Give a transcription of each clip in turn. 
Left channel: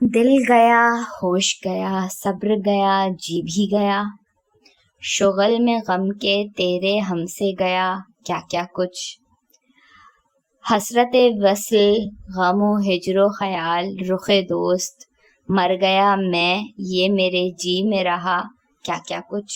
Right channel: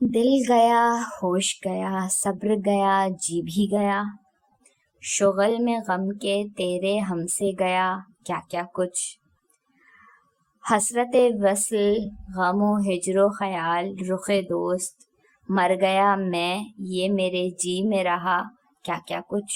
دل گیا، ہوش گیا، صبر گیا، جی بھی گیا، شغل میں غم کے تیرے ہم سے گیا کیا کیا کچھ، حسرت وصل، غم و ہجر و خیال، رخ دوست، مر گیا میں، یہ میرے جی میں رہا کیا کیا کچھ۔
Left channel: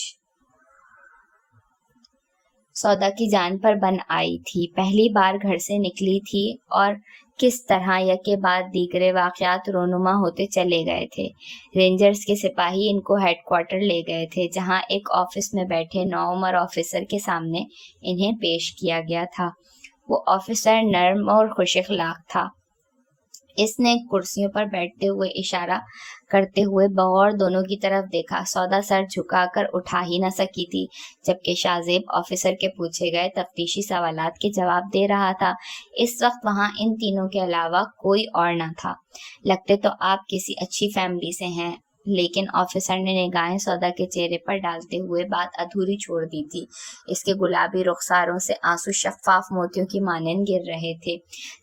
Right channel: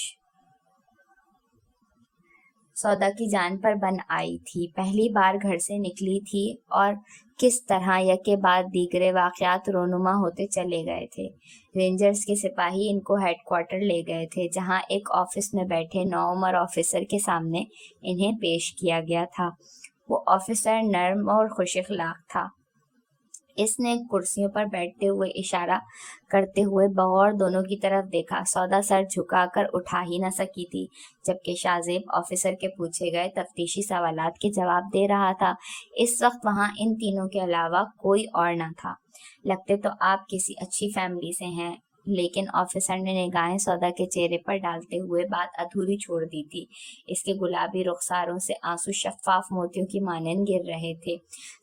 سودا کی جان پر بن آئی تھی، پہلی بار گھر سے نکلی تھی، اور کس طرح یکے بعد دیگرے واقعات رونما ہوتے چلے گئے تھے۔ رینجرز کے سپاہی ان کو ہیڈ کوارٹر لے گئے تھے، جہاں ایک آفس میں بیٹھے نوعمر آفیسر کے سامنے انہیں پیش کیا گیا تھا۔ وہ آفیسر نرم اور خوش اخلاق تھا۔ اس نے کرسیوں پر بیٹھتے ہوئے اشارہ کرتے ہوئے بغور دونوں کی طرف دیکھا۔ سودا سر جھکا کر اٹھا ہی نہ سکی تھی، جبکہ شاہ زیب آفیسر کے پوچھے گئے تفتیشی سوالات کے جواب دے رہا تھا۔ اس وقت وہاں ان تینوں کے علاوہ کوئی اور نہ تھا۔ لگتے تو آپ کسی اچھی فیملی سے ہیں، لیکن آفیسر نے نگاہیں سودا کے چہرے پر ڈالتے ہوئے بات ادھوری چھوڑ دی تھی۔ اس کے گلابی رخساروں سے آنسو شفاف موتیوں کی مانند گر رہے تھے۔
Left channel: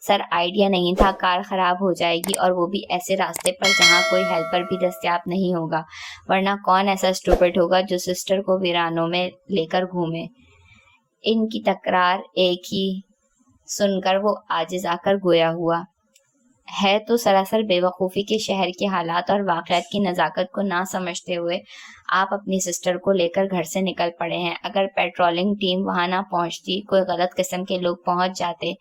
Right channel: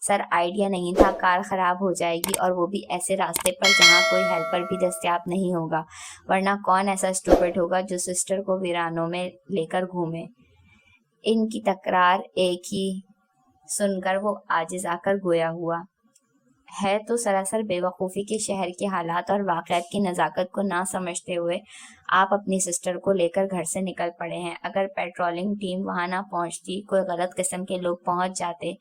سر، آئیڈیا نہیں تھا، کار خراب ہو جائے گی، اور وہ بھی ایسے راستے پر جہاں کوئی ہیلپر بھی دستیاب نہیں ہوگا، ورنہ کون ایسا اسٹوپڈ ہوگا جو سسٹر کو ویرانوں میں لے کر گھومے۔ ان کی تکرار ایک ہی سن کر وہ عاجز آ کر گویا ہوا، ہے تو سراسر بے وقوفی کے شہر کے حالات اور واقعات کی نزاکت کو نہ سمجھتے ہوئے آپ اپنی سسٹر کو لے کر گھر سے نکل پڑے ہیں۔ اگر پیٹرولنگ ٹیم وہاں نہ پہنچتی، کوئی غلط قسم کے لوگ پہنچ جاتے،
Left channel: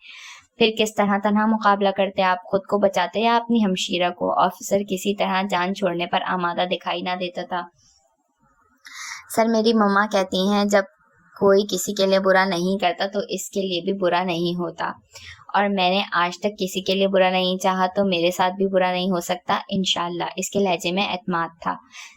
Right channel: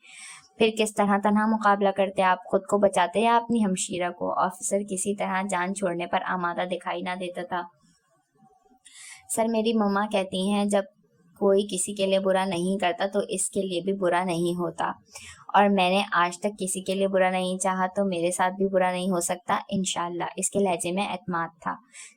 پھر کس طرح تنہا مقابلہ کرتے؟ آپ خود کو بچاتے یا اپنی ہمشیرہ کو؟ آفیسر کسی طرح جان چھوڑنے پر آمادہ دکھائی نہ دیتا تھا۔ سر، میری مما کہتی ہیں جب کوئی کسی کے لیے برا نہیں کرتا تو اس کے لیے بھی برا نہیں ہوتا، اور میں نے آج تک کسی کے لیے برا نہیں چاہا، تو میرے ساتھ بھی برا نہیں ہو سکتا انشاءاللہ۔ اس کے لہجے میں اعتماد تھا۔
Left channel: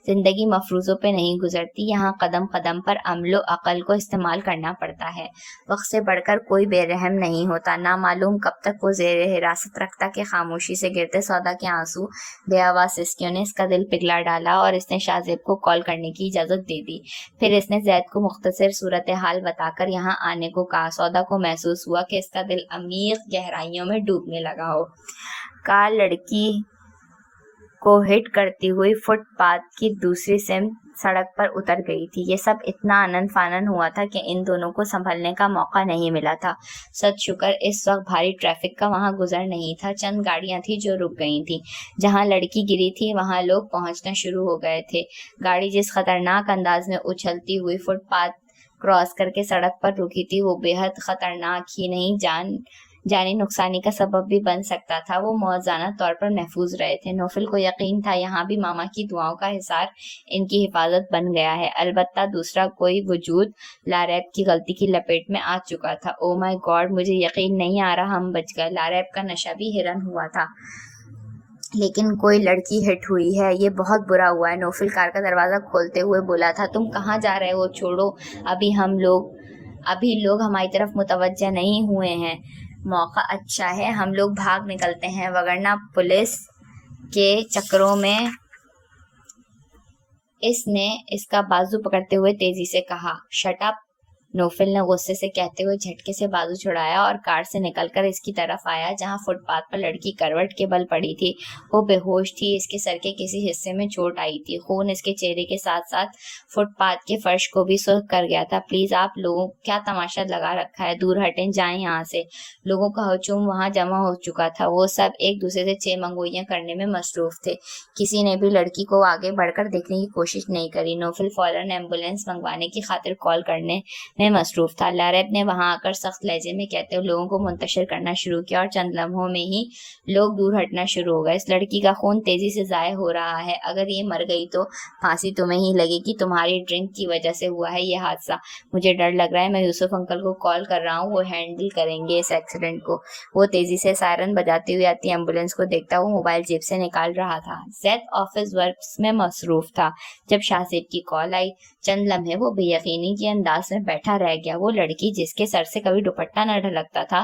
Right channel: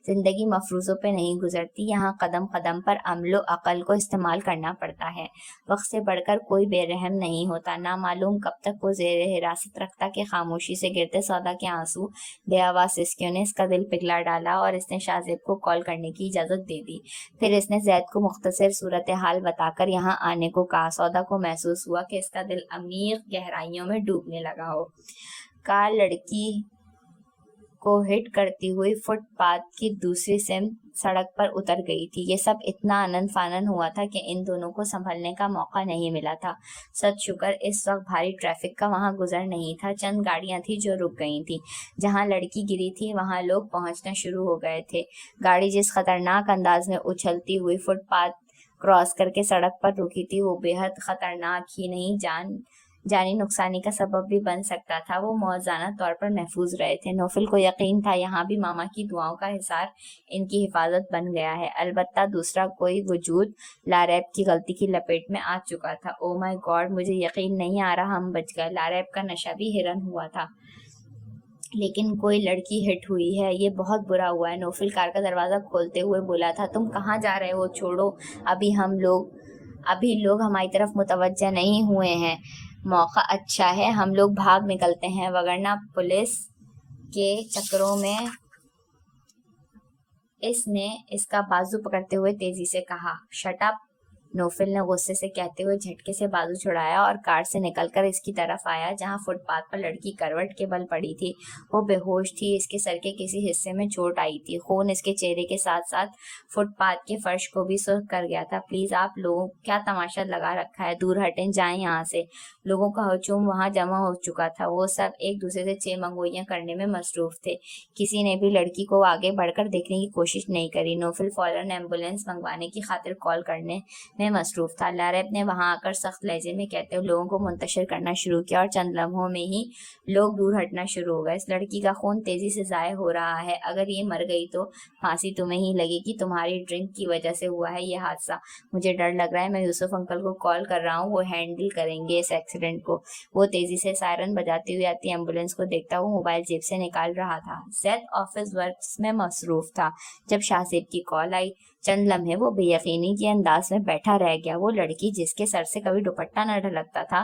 زندگی مفروضوں پہ نہیں گزرتی، یہاں قدم قدم پر عمل و عقل کو استعمال کرنا پڑتا ہے۔ وقت سے بڑھ کر کوئی بے رحم نہیں ہوتا۔ نہ معلوم کب تک وہ زیر حراست رکھتا کہ خاموشی سے گرتے سودا کے آنسو بے آواز سسکیوں نے اس کا دل پگھلا ڈالا، اور اس نے شاہ زیب کو کال کرنے کی اجازت دے دی۔ پھر اس نے زید کو مختصر صورتحال بتا کر یہاں آنے کو کہا۔ سودا کو محسوس ہوا کہ اس کا دل عمیق گہرائیوں میں ڈوبنے لگا ہو۔ کار لڑکی کو ہٹ کرتی ہوئی فٹ پاتھ کی دوسری سمت سڑک پر اتر گئی تھی۔ یہ سب اتنا آنن فانن ہوا تھا کہ ان دونوں کو سنبھلنے کا موقع نہیں ملا تھا۔ سچ شکر اس وقت بھاری ٹریفک کا وہاں گزر نہیں تھا۔ چند گاڑیاں تھیں جو رک گئی تھیں۔ جہاں لڑکی گری تھی وہاں لوگ پہنچنا شروع ہو گئے تھے۔ گاڑی جس خطرناک انداز میں اچھلتی ہوئی فٹ پاتھ کراس کر کے سڑک پر رکی تھی، وہ بے حد خطرناک ہی نہیں، جانی نقصانی کا سبب بھی بن سکتا تھا۔ وہ موازنہ طور پر محفوظ رہے تھے۔ نوفل کو یقین تھا یہاں بھی ماما کی دعاؤں کا حصار ان کی حفاظت بن گیا ہے۔ البتہ دوسرا کوئی وجود لاریب کی غلطی کی لپیٹ میں آ چکا تھا۔ او مائی گاڈ، مجھے یقین نہیں آ رہا ہم بچ گئے۔ لاریب کا نشہ بھی ہرن ہوا تھا، لیکن کوئی لڑکی ہٹ ہوئی ہے، یہ بہت برا ہوا ہے۔ نوفل کار کا دروازہ کھولتے ہوئے بولا تھا۔ تم کہاں جا رہے ہو؟ چھوڑو، ابھی لوگ ہماری طرف متوجہ نہیں ہوئے ہیں۔ موقع اچھا ہے، ہم لوگ بھاگ نکلتے ہیں، وگرنہ پولیس کے چکروں میں۔ اس نے اس کا بازو پکڑتے ہوئے تیزی سے کہا۔ Shut up! نوفل نے غصے سے کہتے ہوئے جھٹکے سے بازو چھڑایا اور کار سے نکل کر اس کی طرف آیا جہاں فٹ پاتھ پر لڑکی کروٹ کے بل پڑی تھی۔ وہ بے ہوش تھی، اس کے سر کے کسی حصے میں چوٹ آئی تھی۔ خون اس کے چہرے کے ساتھ ساتھ فٹ پاتھ کے فرش کو بھی سرخ کر گیا تھا۔ پلیز آپ لوگوں کیا تماشا لگا رکھا ہے؟ دور ہٹیں، جائیں یہاں سے۔ لوگوں کا ہجوم وہاں جمع ہو چکا تھا۔ وہ سب ایک دوسرے سے چھ منگوئیاں کرنے میں مصروف تھے۔ کسی نے بھی لڑکی کو آگے بڑھ کر دیکھنے کی کوشش نہیں کری۔ نوفل فوراً ایمبولینس منگوانے کی خاطر کال کرنے میں مصروف تھا۔ لاریب نے وہاں آ کر سخت لہجے میں کہتے ہوئے لوگوں کو منتشر کرنا شروع کیا، اور چند لمحوں میں ہی لوگ دور ہٹنا شروع ہو گئے۔ اس لڑکی کا خون تیزی سے ضائع ہو رہا ہے، اگر یہ مر گئی تو پھانسی تمہیں ہی لگے گی۔ تمہاری ڈرنک کی وجہ سے ہوا ہے یہ حادثہ۔ مجھے ڈر لگ رہا ہے، میں یوسف انکل کو کال کر رہا ہوں، وہ ہینڈل کریں گے اس ایکسیڈنٹ کو۔ وہ تیزی سے سائرن بجاتے ہوئے آتی ایمبولینس کو دیکھتا ہوا موبائل جیب سے نکال رہا تھا۔ زید آفس ورکس میں مصروف تھا جب شاہ زیب کی کال آئی۔ چند لمحے وہ بے یقینی کے انداز میں بیٹھا رہ گیا۔ وہ لڑکی جس کے سر سے کبھی دوپٹہ نہ ڈھلکتا تھا،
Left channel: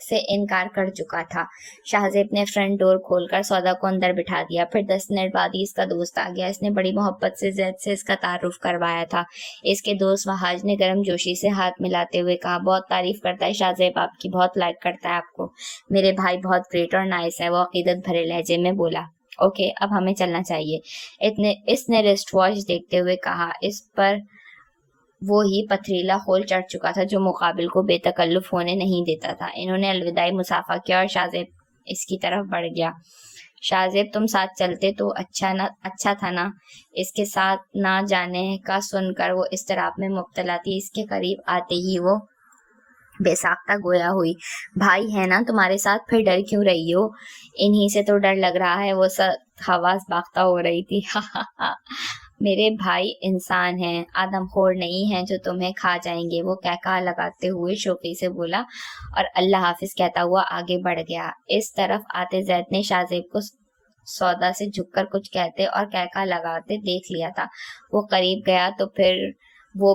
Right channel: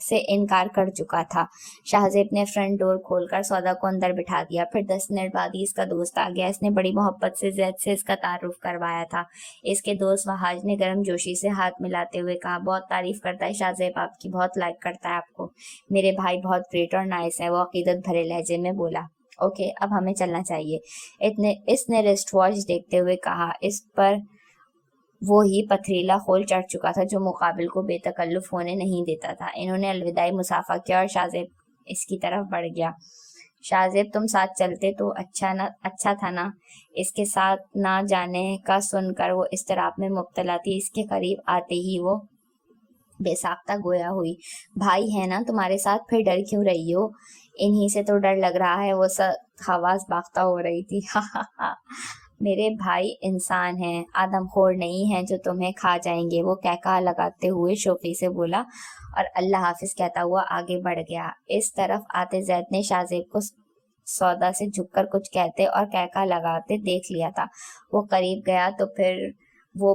سے انکار کر چکا تھا۔ شاہزیب نے فرنٹ ڈور کھول کر سودا کو اندر بٹھا دیا۔ پھر 10 منٹ بعد ہی اس کا دوست آ گیا۔ اس نے بڑی محبت سے زید سے اس کا تعارف کروایا تھا۔ اس کے دوست وحاج نے گرم جوشی سے ہاتھ ملاتے ہوئے کہا، بہت تعریف کرتا ہے شاہزیب آپ کی، بہت لائک کرتا ہے آپ کو۔ میرے بھائی بہت گریٹ اور نائس ہیں، وہ عقیدت بھرے لہجے میں بولا۔ اوکے، اب ہمیں چلنا چاہیے، اس نے رسٹ واچ دیکھتے ہوئے کہا۔ اس پر وہی پتھریلا خول چڑھ چکا تھا جو مقابل کو بے تکلف ہونے نہیں دیتا تھا۔ انہوں نے الوداعی مصافحہ کیا اور شاہزیب اس کی طرف بڑھ گیا۔ شاہزیب تم ساتھ چلتے تو اچھا تھا نا۔ اس کے ساتھ نہ جانے کا سن کر وہ اضطراب میں مبتلا تھی۔ اس کے قریب آتے ہی وہ بے ساختہ گویا ہوئی۔ بھائی ہے نا تمہارے ساتھ، پھر ڈر کیوں رہی ہو؟ انہی سے تو ڈر لگ رہا ہے، وہ سب حواس باختہ ہو رہی تھی۔ میرے بھائی انسان ہیں، آدم خور نہیں ہیں جو تمہیں کھا جائیں گے، وہ کہکہا لگاتے ہوئے شوخی سے بولا اور اللہ حافظ کہتا ہوا آگے بڑھ گیا۔ اس طرف آتے زید نے شاہزیب کو سودا سے جھک کر کچھ کہتے اور کہکہا لگاتے دیکھ لیا تھا۔ وہ قریب گیا تو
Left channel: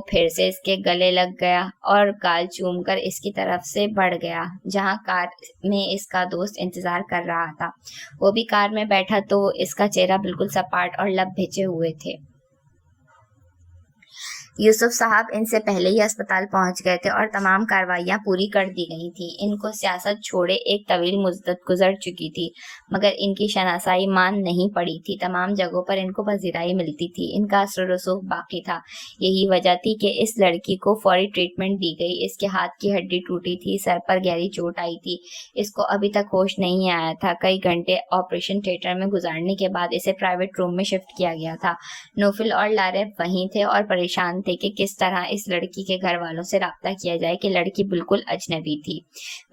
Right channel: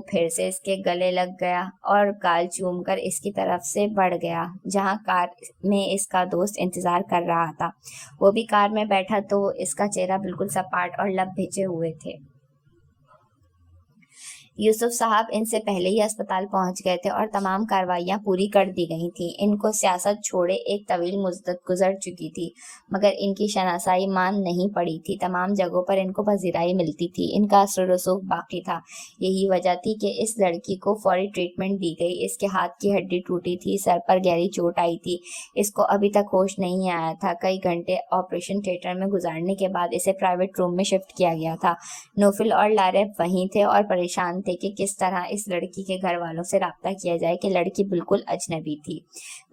پھر سے اس کے گلے لگ گیا اور گال چوم کر اس کی طرف سے بڑھ گیا جہاں کار میں اس کا دوست انتظار کر رہا تھا۔ وہ بھی کار میں بیٹھا تو اس کا چہرہ بالکل سپاٹ اور لب بھیجے ہوئے تھے۔ یوسف صاحب ان سے پہلے ہی اسپتال پہنچ گئے تھے اور تمام کاروائیاں پوری کر دی گئی تھیں۔ ان کو سیاست چھوڑے ایک طویل مدت گزر چکی تھی، مگر ان کی شناسائی مان نہیں پڑی تھی۔ تمام جگہوں پر ان کو پذیرائی ملتی تھی، ان کا اثر و رسوخ باقی تھا۔ یہی وجہ تھی کہ اس لڑکی کو فوری ٹریٹمنٹ دی گئی۔ اس کے ہاتھ کی ہڈی ٹوٹی تھی، سر پر گہری چوٹ آئی تھی، اس کو ابھی تک ہوش نہیں آیا تھا۔ کئی گھنٹے آپریشن تھیٹر میں گزارنے کے بعد اسے پرائیویٹ روم میں شفٹ کیا گیا تھا۔ نوفل اور لارب وہیں تھے اور پریشان تھے کہ کس طرح اس لڑکی کے گھر والوں سے رابطہ کیا جائے کہ لڑکی بالکل اجنبی تھی۔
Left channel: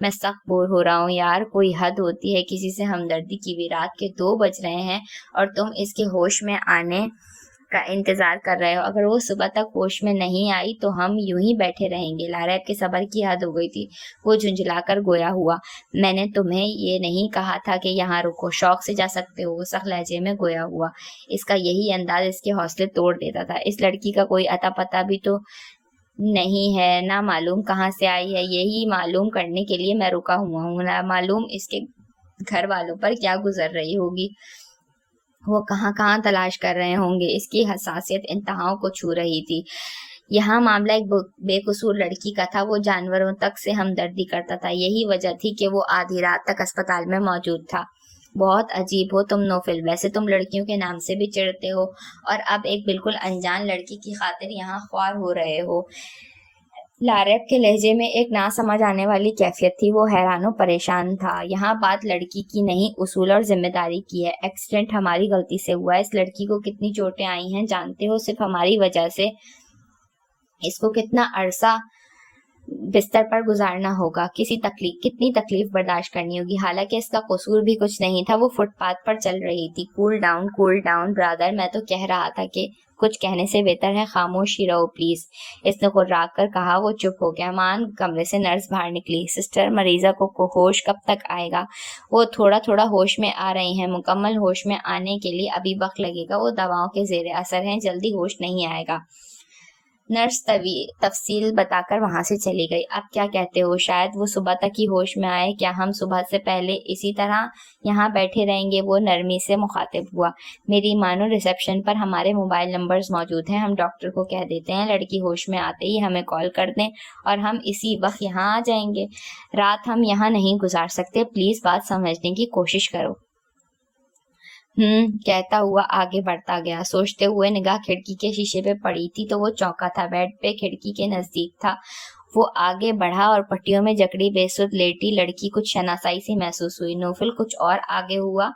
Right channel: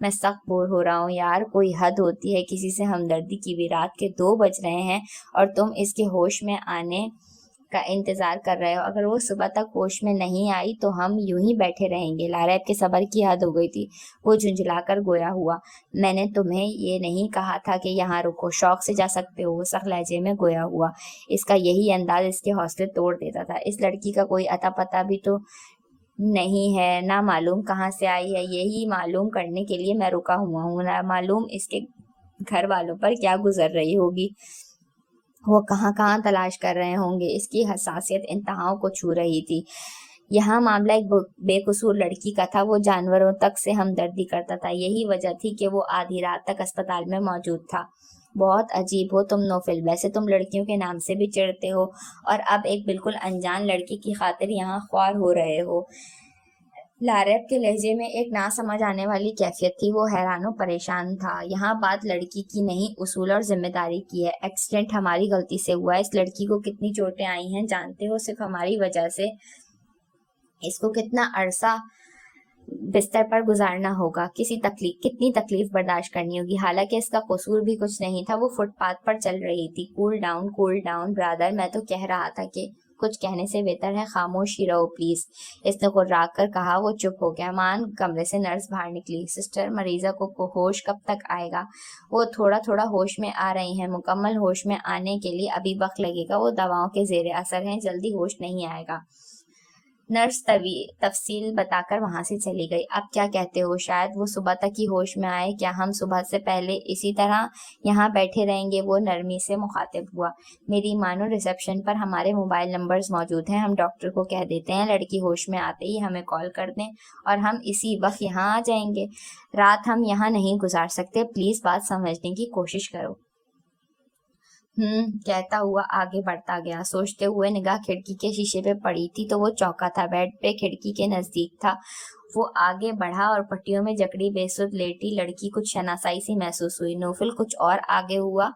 میں سخت بور ہو رہا ہوں یار، کوئی حد ہوتی ہے کسی سے ہمدردی کی بھی۔ رات کے 2 بج رہے ہیں اور تم اس کے ہوش میں آنے کا انتظار کر رہے ہو۔ اگر وہ صبح تک ہوش میں نہیں آئی تو ہم یوں ہی بیٹھے رہیں گے۔ لارب کے صبر کی حد ہو گئی تھی، وہ جھنجھلا کر گویا ہوا۔ میں نے تمہیں یہ نہیں کہا تھا کہ یہاں رکو، شوق سے جا سکتے ہو، وہ سخت لہجے میں گویا ہوا۔ اس کا یہی انداز اس کے حوصلے توڑ دیتا تھا۔ اس لڑکی کا کوئی اتا پتہ بھی تو نہیں ہے، نہ معلوم کہاں سے آئی ہے۔ یہی معلوم کرنے کے لیے میں رکا ہوا ہوں، نہ معلوم اس کے گھر والوں پر کیا گزر رہی ہوگی، وہ کہاں کہاں تلاش کر رہے ہوں گے۔ اس کی حساسیت انتہاؤں کو چھو رہی تھی۔ یہاں معاملہ ایک بے قصور لڑکی کا تھا، وہ جانوروں تک سے ہمدردی کرتا تھا۔ یہی وجہ تھی کہ وہ آدھی رات تک اسپتال میں موجود تھا۔ بہت عجیب ہو تم نوفل، ویسے تم لڑکیوں کے نام سے بھی چڑھتے ہو اور اب ایک بالکل انجان لڑکی کی خاطر یہاں خوار ہو رہے ہو۔ لارب کے لہجے میں ایک نہ سمجھ آنے والی کیفیت تھی، وہ حیران و پریشان تھا۔ یہاں بات لڑکی کی نہیں، اصول اور ذمہ داری کی ہے۔ ایکسیڈنٹ ہماری غلطی سے ہوا ہے، اس لڑکی کو کتنی چوٹیں آئی ہیں جانتے ہو، صرف ہماری وجہ سے۔ اس کو کتنا عرصہ بستر پر گزارنا ہوگا، کتنی تکلیف برداشت کرنی ہوگی، حالانکہ اس کا قصور بھی کچھ نہیں تھا۔ وہ فٹ پاتھ پر چل رہی تھی۔ کول ڈاؤن برادر، میں تو کہہ رہا تھا کہ کچھ کہنے سے بہتر ہے خاموش ہی رہو پلیز، اس نے گھبرا کر کہا۔ وہ چپ ہو گیا۔ کمرے سے نرس باہر نکلی۔ سسٹر، مریضہ کو ہوش کب تک آئے گا؟ وہ تھوڑا ہوش میں آ رہی ہیں، مکمل ہوش میں آنے کے لیے ابھی وقت لگے گا، وہ دواؤں کے زیر اثر ہیں، جلدی ہوش نہیں آئے گا۔ نرس تفصیل بتا کر وہاں سے چلی گئی۔ اب کیا کہتے ہو، شاید وہ صبح تک ہی ہوش میں آئے؟ کیا ہم صبح سے پہلے اسی طرح یہاں بیٹھے رہیں گے؟ وہ نرمی سے مخاطب ہوا۔ میری مانو، ریسیپشن پر ہمارے موبائل نمبرز موجود ہیں، ہم ڈاکٹر کو کہہ دیتے ہیں لڑکی ہوش میں آتے ہی ہمیں کال کر دیں اور ہم اسی وقت یہاں آ جائیں گے۔ رات ہم یہاں نہیں گزار سکتے، پلیز بات سمجھنے کی کوشش کرو۔ کہتا ہوا آگے بڑھتا گیا۔ سوچتے ہوئے نگاہ کھڑکی کے شیشے پہ پڑی تھی تو وہ چونکا تھا۔ بیڈ پہ کھڑکی کے نزدیک تھا۔ وہ آگے بڑھا اور پٹیوں میں جکڑی بے سود لیٹی لڑکی کچھ شناسائی سی محسوس ہوئی۔ نوفل کچھ اور آگے ہوا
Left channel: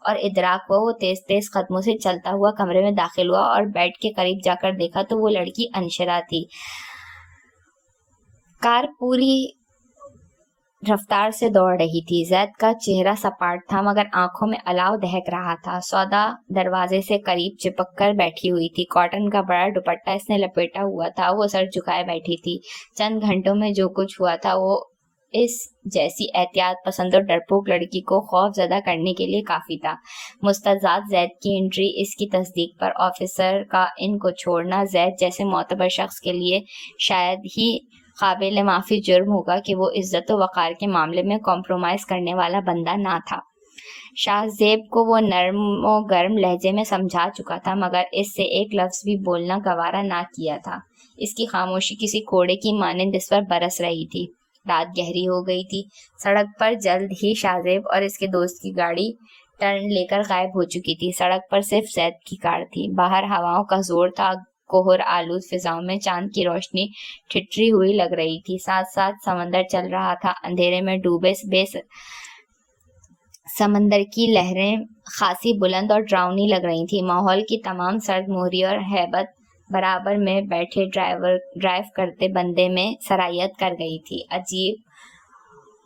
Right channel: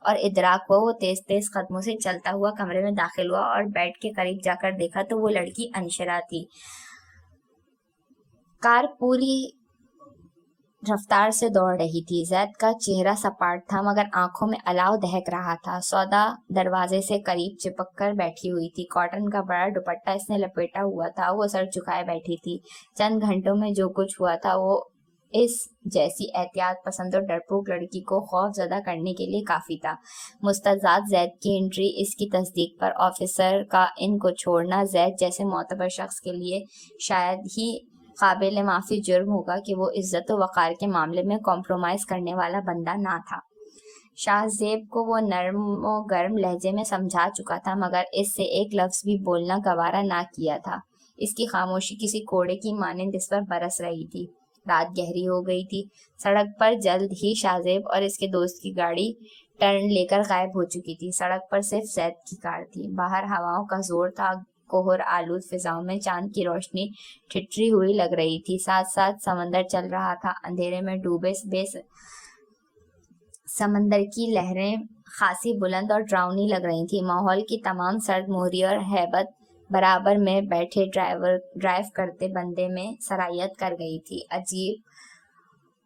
اور ادراک ہوا۔ وہ تیز تیز قدموں سے چلتا ہوا کمرے میں داخل ہوا اور بیڈ کے قریب جا کر دیکھا تو وہ لڑکی انشرا تھی۔ کار پوری رفتار سے دوڑ رہی تھی۔ زید کا چہرہ سپاٹ تھا مگر آنکھوں میں الاؤ دہک رہا تھا۔ سودا دروازے سے قریب چپک کر بیٹھی ہوئی تھی۔ کاٹن کا بڑا دوپٹہ اس نے لپیٹا ہوا تھا، وہ سر جھکائے بیٹھی تھی۔ چند گھنٹوں میں جو کچھ ہوا تھا وہ اس جیسی احتیاط پسند اور ڈرپوک لڑکی کو خوف زدہ کرنے کے لیے کافی تھا۔ مستضاد زید کی انٹری، اس کی تصدیق پر آفیسر کا ان کو چھوڑنا زید جیسے معتبر شخص کے لیے شاید ہی قابل معافی جرم ہوگا کہ وہ عزت و وقار کے معاملے میں کمپرومائز کرنے والا بندہ نہ تھا۔ شاہ زیب کو وہ نرم و گرم لہجے میں سمجھا چکا تھا، مگر اس سے ایک لفظ بھی بولنا گوارا نہ کیا تھا۔ اس کی خاموشی کسی کوڑے کی مانند اس پر برس رہی تھی۔ رات گہری ہو گئی تھی۔ سڑک پر جلد ہی شاہ زیب اور اس کے دوست کی گاڑی ٹرن لے کر غائب ہو چکی تھی۔ سڑک پر صرف زید کی کار تھی۔ باہر ہواؤں کا زور تھا، کوہر آلود فضاؤں میں چاند کی روشنی ٹھٹری ہوئی لگ رہی تھی، ساتھ ساتھ سمندر چل رہا تھا۔ اندھیرے میں ڈوبے سمندر کی لہریں خاصی بلند اور ڈراؤنی لگ رہی تھیں۔ ماحول کی تمام سرد مہری اور ہیبت برابر میں بیٹھے ڈرائیو کرتے بندے میں سرایت کر گئی تھی۔ عجیب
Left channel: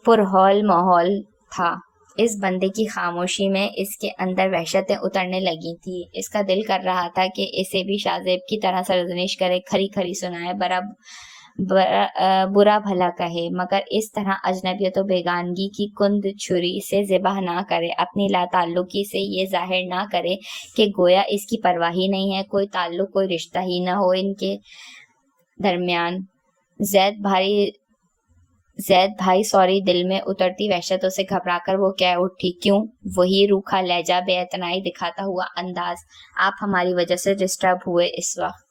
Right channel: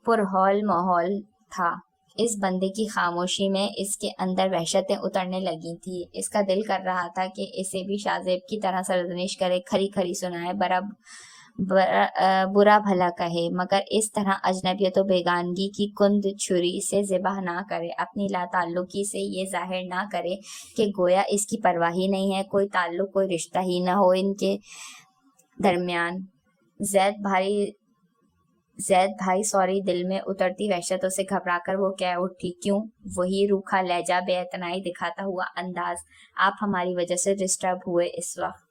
پرہول ماحول تھا۔ اس بندے کی خاموشی میں اس کے اندر وحشتیں اترنے لگی تھی۔ اس کا دل کر رہا تھا کہ اسے بھی شاہ زیب کی طرح سرزنش کرے، کھری کھری سنائے، برا بھلا کہے، مگر اس طرح اجنبیت و بیگانگی کی کند چھری سے ذبح نہ کرے، اپنی لا تعلقی سے یہ ظاہر نہ کرے کہ گویا اس کی پرواہ ہی نہیں ہے، کوئی تعلق، کوئی رشتہ ہی نہ ہو ان کے درمیان۔ زید بھائی سوری، دل میں اترتی وحشتوں سے گھبرا کر وہ کہہ اٹھی۔ کیوں؟ وہی روکھا لہجہ، بے اعتنائی دکھاتا ہوا انداز۔ آپ ہماری وجہ سے ڈسٹرب ہوئے اس وقت۔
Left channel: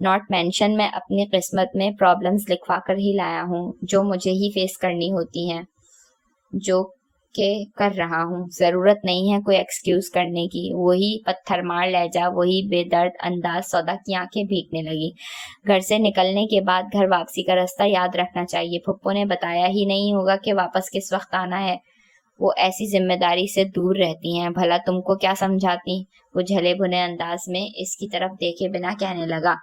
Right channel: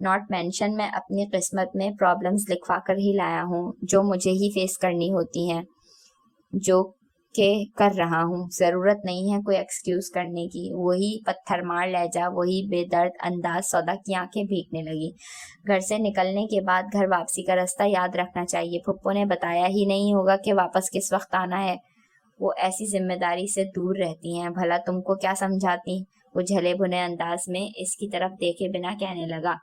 ناٹ مینشن، میں اپنی قسمت میں پرابلمز لکھوا کر ہی لایا ہوں، جو مجھے ہی فیس کرنی ہوتی ہیں، جو کہ کر رہا ہوں۔ ضرورت نہیں ہے کوئی ایکسکیوز کرنے کی۔ وہی پتھر مار لہجہ، وہی بے درد انداز۔ سودا کی آنکھیں بھیگنے لگی۔ گھر سے نکلنے کے بعد گھر واپسی کا راستہ یاد رکھنا چاہیے۔ پھپھو نے بتایا ہی نہیں ہوگا کہ واپس کس وقت آنا ہے۔ وہ ایسی ذمہ داری سے دور رہتی ہیں، بھلا تم کو کیا سمجھاتی؟ وہ جھلے بھنے انداز میں اس کی طرف دیکھے بنا کہنے لگا۔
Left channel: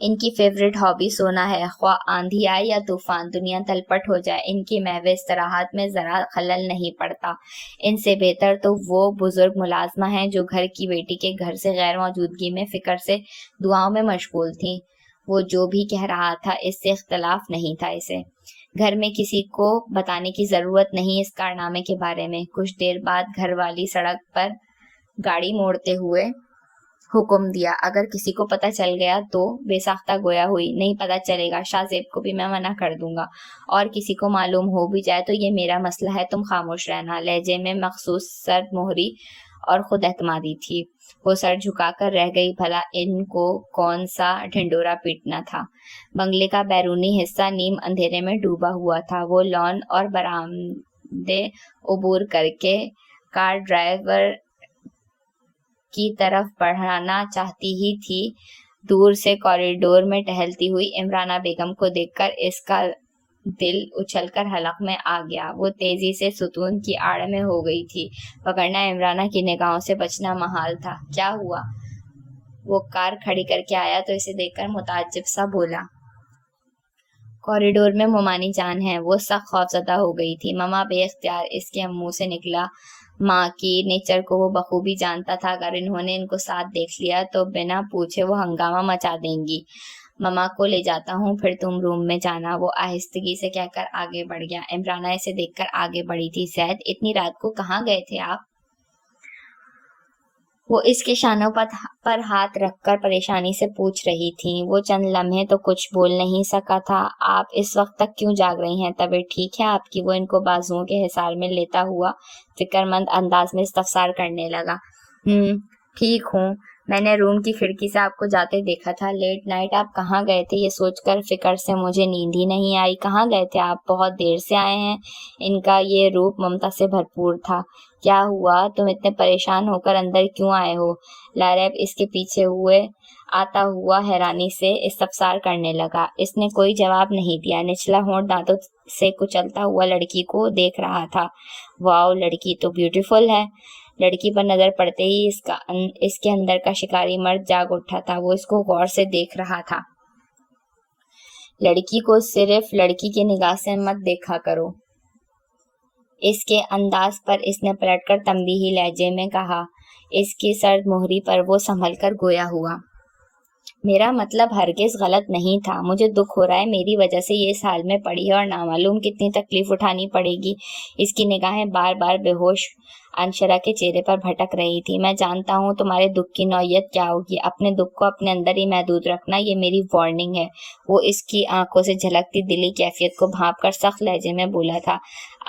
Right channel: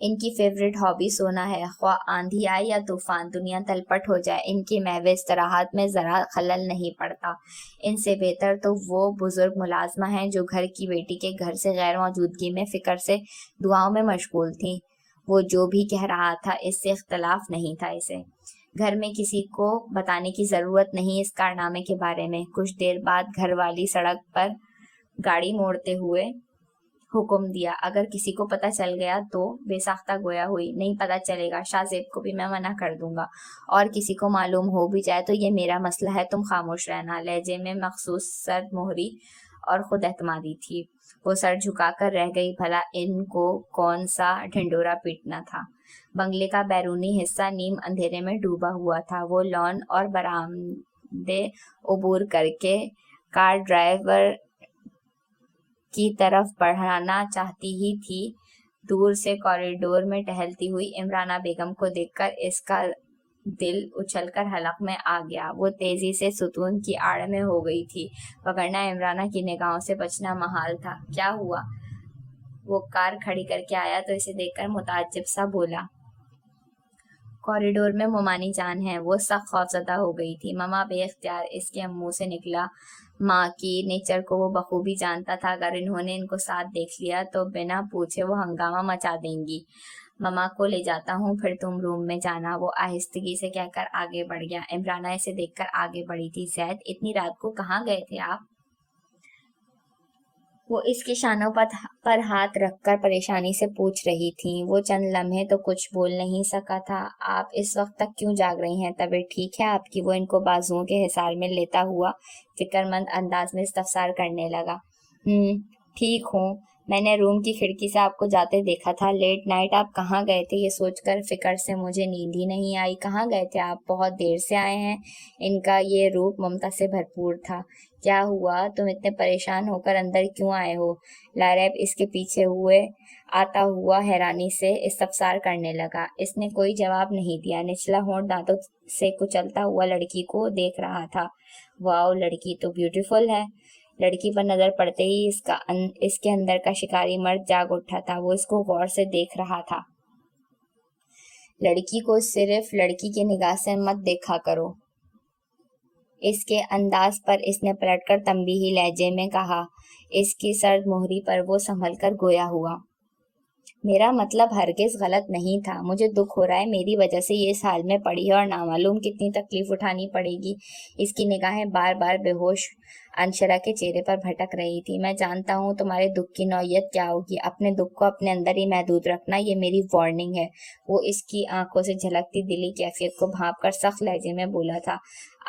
ان کی فیوریٹ ہابی سونا ہے، خواہ آندھی آئے یا طوفان، دنیا تلپٹ ہو جائے، ان کی محو استراحت میں ذرا خلل نہیں پڑتا۔ ان سے بہتر تو وہ بزرگ ملازمہ ہیں جو گھر کی بیٹی کے گھر سے غیر موجودگی میں فکر سے دعاؤں میں مشغول تھیں۔ وہ جو بھی کہہ رہا تھا اس سے اختلاف نہیں تھا۔ اسے گھر میں کسی کو بتانے کی ضرورت نہیں اس کارنامے کے بارے میں۔ کچھ دیر بعد گھر والی سڑک پر گاڑی موڑتے ہوئے حکم دیا، اگر کسی کو پتہ چل گیا تو بے ساختہ گویا ہوئی، نہیں پتہ چلے گا، شاہ زیب کو بھی میں منع کر دوں گا، اور کسی کو معلوم ہو بھی جائے تو یہ میرا مسئلہ ہے، تم خاموش رہنا۔ لہجے میں مخصوص سرد مہری اور خود اعتمادی تھی۔ وہ سر جھکا کر رہ گئی، بھلا ان کو کون سا ڈھنڈورا پیٹنا تھا۔ بنگلے کا بیرونی حصہ نیم اندھیرے میں ڈوبا ہوا تھا۔ وہ لان اور برآمدے عبور کر کے کار ڈرائیور کی طرف بڑھانا چاہتی ہی تھی، دور سے کوریڈور میں ٹہلتی ہوئی عمرانہ بیگم کو دیکھ کر اس کا دل اچھل کر حلق میں آ گیا۔ وہ تیزی سے ستون کی آڑ میں ہو گئی تھی، وگرنہ عمرانہ کی نگاہوں سے بچنا محال تھا۔ کیا ہوا؟ وہ کار کھڑی کر کے آیا تو اسے دیکھ کر متعجب سا بولا۔ کوریڈور میں مومانی جان ہے۔ وہ سخت خوفزدہ ہو گئی تھی۔ مما بے اختیار اس کے منہ سے نکلا۔ ماں کی نیچر کو وہ بخوبی جانتا تھا، اگر انہوں نے ان کو ساتھ دیکھ لیا تو بنا پوچھے وہ ہنگامہ مچا دیں گی۔ مما کو لے جاتا ہوں، پھر تم روم میں جانا، وہ آہستگی سے کہہ کر آگے بڑھ گیا۔ عمرانہ اسے دیکھ کر آگے بڑھی تھی۔ زید، اتنی رات کو کہاں گئے تھے آپ؟ وہ اس کے شانوں پر ہاتھ رکھ کر پریشانی سے پوچھ رہی تھی۔ وہ چند لمحے تو کچھ بول نہیں سکا تھا۔ آپ اس وقت تک کیوں جاگ رہی ہیں؟ طبیعت ٹھیک ہے آپ کی؟ وہ ان کو بازوؤں کے حصار میں لیتا ہوا فکر مند انداز میں استفسار کرنے لگا۔ ٹھیک ہوں، میں نے روم کی کھڑکی سے آپ کو جاتے دیکھا تھا۔ لیٹ نائٹ آپ کہاں گئے تھے؟ یہ سوچ کر فکر سے مجھے نیند ہی نہیں آئی۔ کہاں گئے تھے آپ؟ بہت دیر سے آئے ہیں۔ ان کا یہ روپ ممتا سے بھرپور تھا۔ کیا ہوا؟ تم اتنے پریشان ہو کر اندر کیوں آئے ہو؟ لاریب اس کے پیچھے آتا ہوا حیرانی سے استفسار کرنے لگا۔ اس نے کوئی جواب نہیں دیا، نچلا ہونٹ دانتوں سے کچلتا ہوا لڑکی کو دیکھ رہا تھا۔ واؤ، لڑکی تو بیوٹیفل ہے۔ لڑکی پر نظر پڑتے ہی اس کے اندر کا شکاری مرد جاگ اٹھا تھا۔ وہ اس کو غور سے دیکھ رہا تھا۔ لڑکی کو صرف لڑکی کی نگاہ سے مت دیکھا کرو، اس کے انداز پر اس نے پلٹ کر تنبیہی لہجے میں کہا۔ اس کی سرد مہری پر وہ سنبھل کر گویا ہوا۔ میرا مطلب ہرگز غلط نہیں تھا، مجھے دکھ ہو رہا ہے، میری وجہ سے یہ اس حال میں پڑی ہے اور نامعلوم کتنی تکلیف اٹھانی پڑے گی۔ اس کی نگاہیں بار بار بے ہوش انشرا کے چہرے پر بھٹک رہی تھی. میں جانتا ہوں تمہارے دکھ کی نوعیت کیا ہوگی. اپنے دکھ کو اپنے اندر ہی محدود رکھنا یہ میری وارننگ ہے. وہ اس کی آنکھوں سے جھلکتی دلی کیفیت کو بھانپ کر سخت لہجے میں بولا تھا.